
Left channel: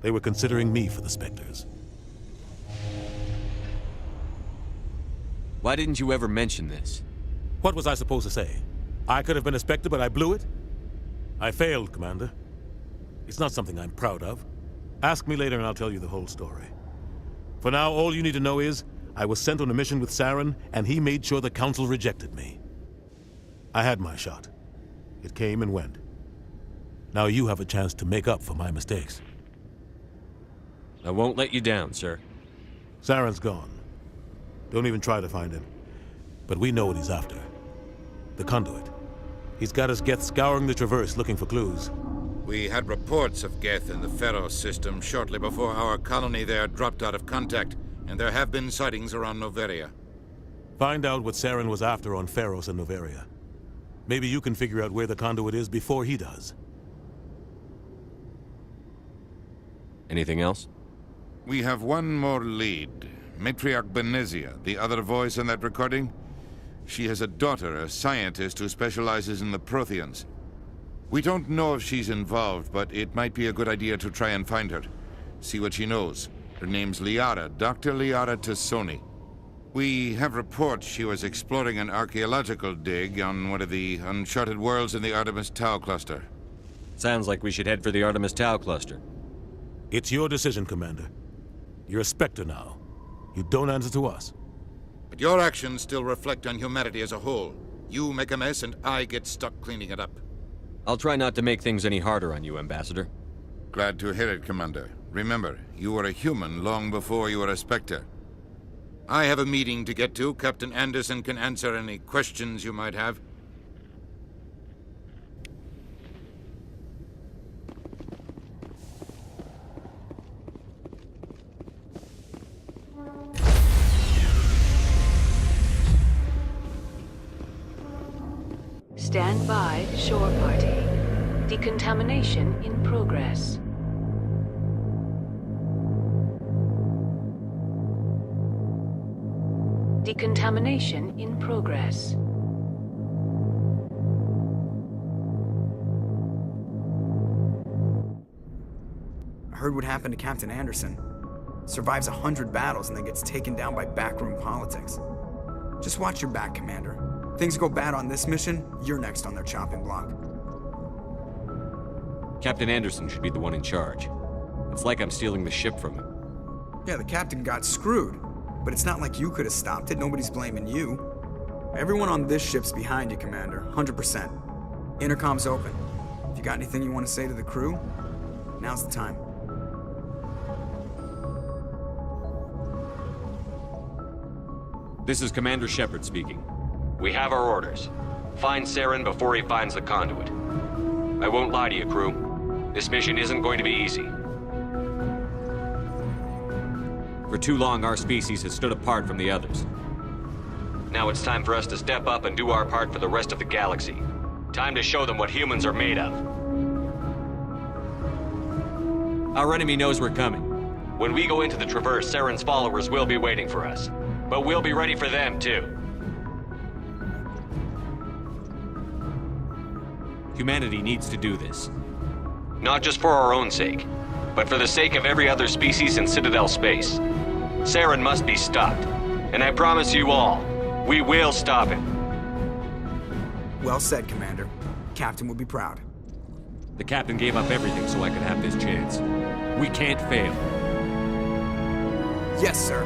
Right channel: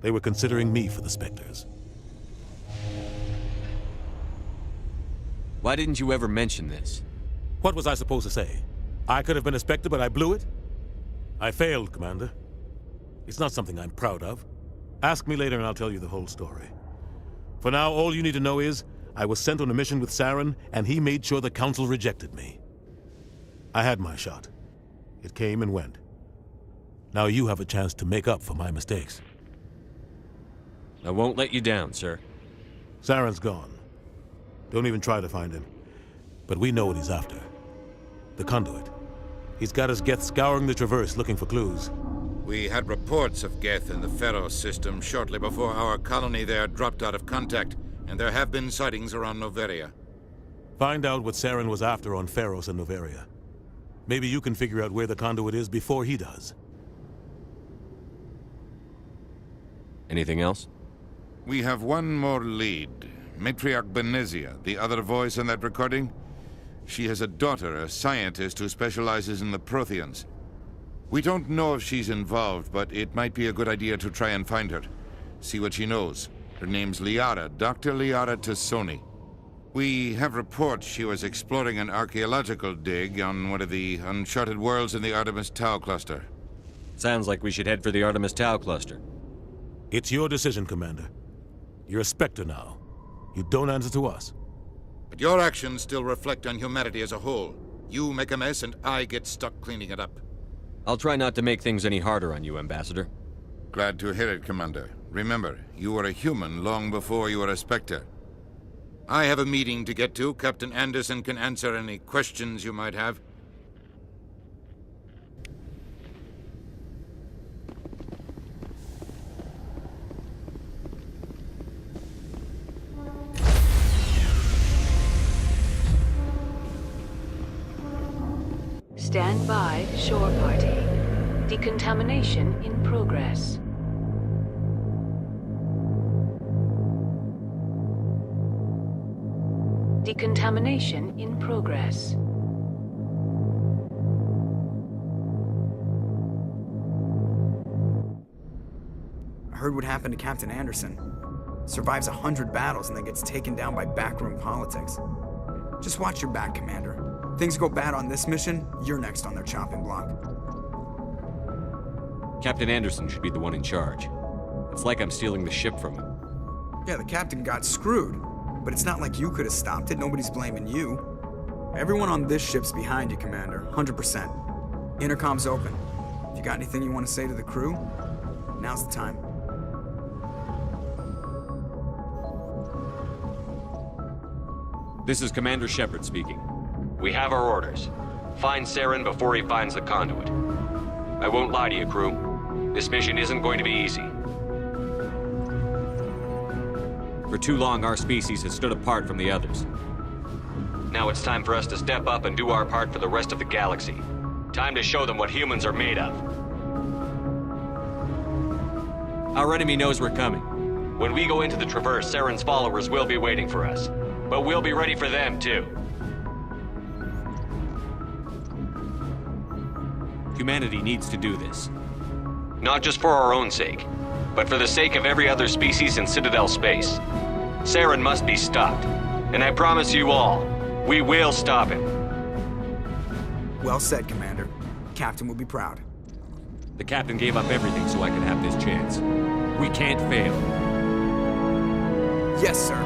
They were considering me for the Spectres. Why didn't you ever mention this? What was I supposed to say? I could have been a Spectre, but I blew it? I failed, Commander. It's not something I'm proud of. Ask me later and I'll tell you the whole story. For now, all you need to know is, I was sent on a mission with Saren, and he made sure the Council rejected me. I had my shot. It came and went. Now you have a chance to make up for my mistakes. I won't let you down, sir. Saren's gone. Don't even try to find him. But we know what he's after. The conduit. He's got his Geth scouring the Traverse looking for clues. We had reports of Geth in the Pharaoh system shortly before our colony there dropped out of contact. And there have been sightings around Noveria. Find out what Saren was after on Pharos and Noveria. Maybe you can figure out where the conduit is before he does. Anything else? We have one more lead. Matriarch Benezia, the other voice in that recording. She has a daughter, a scientist who specializes in the Protheans. We don't know if she's involved, but it might be a good idea to try and find her. See what she knows. Her name's Liara, Dr. Liara Tassoni. We have reports she was exploring an archaeological dig on one of the uncharted worlds in the Artemis Tau cluster. Sounds like we should head for the Artemis Tau cluster. It's your decision, Commander. You're a Spectre now. You don't answer to us. But your actions still reflect on humanity as a whole. You make a mess and I get stuck cleaning it up. I'll try not to make things any harder on you, Ambassador. Glad to hear it, Commander. Remember, you were a human long before you were a Spectre. I have a meeting to get to. Captain Anderson can answer any questions you might have. Stand by, shore party. Decontamination in progress. Decontamination in progress. I heard what happened to Captain Anderson. Survives 100 battles and then gets taken down by backroom politics. Just watch your back, Commander. Things go bad on this mission, you're next on their chopping block. Captain Anderson should be the one in charge. It's like I'm stealing the ship from him. Yeah, the captain got screwed. But it's not like you could have stopped it. Nobody's blaming you. Everyone on this ship's behind you, Commander. 100%. Intercom's open. If you got anything you want to say to the crew, now's the time. This is Commander Shepard speaking. We have our orders. Find Saren before he finds the conduit. I won't lie to you, crew. This mission isn't going to be easy. For too long, our species has stood apart from the others. Now it's time for us to step up and do our part for the rest of the galaxy. Time to show them what humans are made of. Our enemy knows we're coming. When we go into the Traverse, Saren's followers will be waiting for us. But we'll be ready for them, too. Humanity needs to do this. Not just for our own sake, but for the sake of every other species in Citadel space. Saren must be stopped. And I promise you all, we will stop him. Well said, Commander. Captain would be proud. The captain gave up everything so I could have this chance. We can't fail. Yes, sir.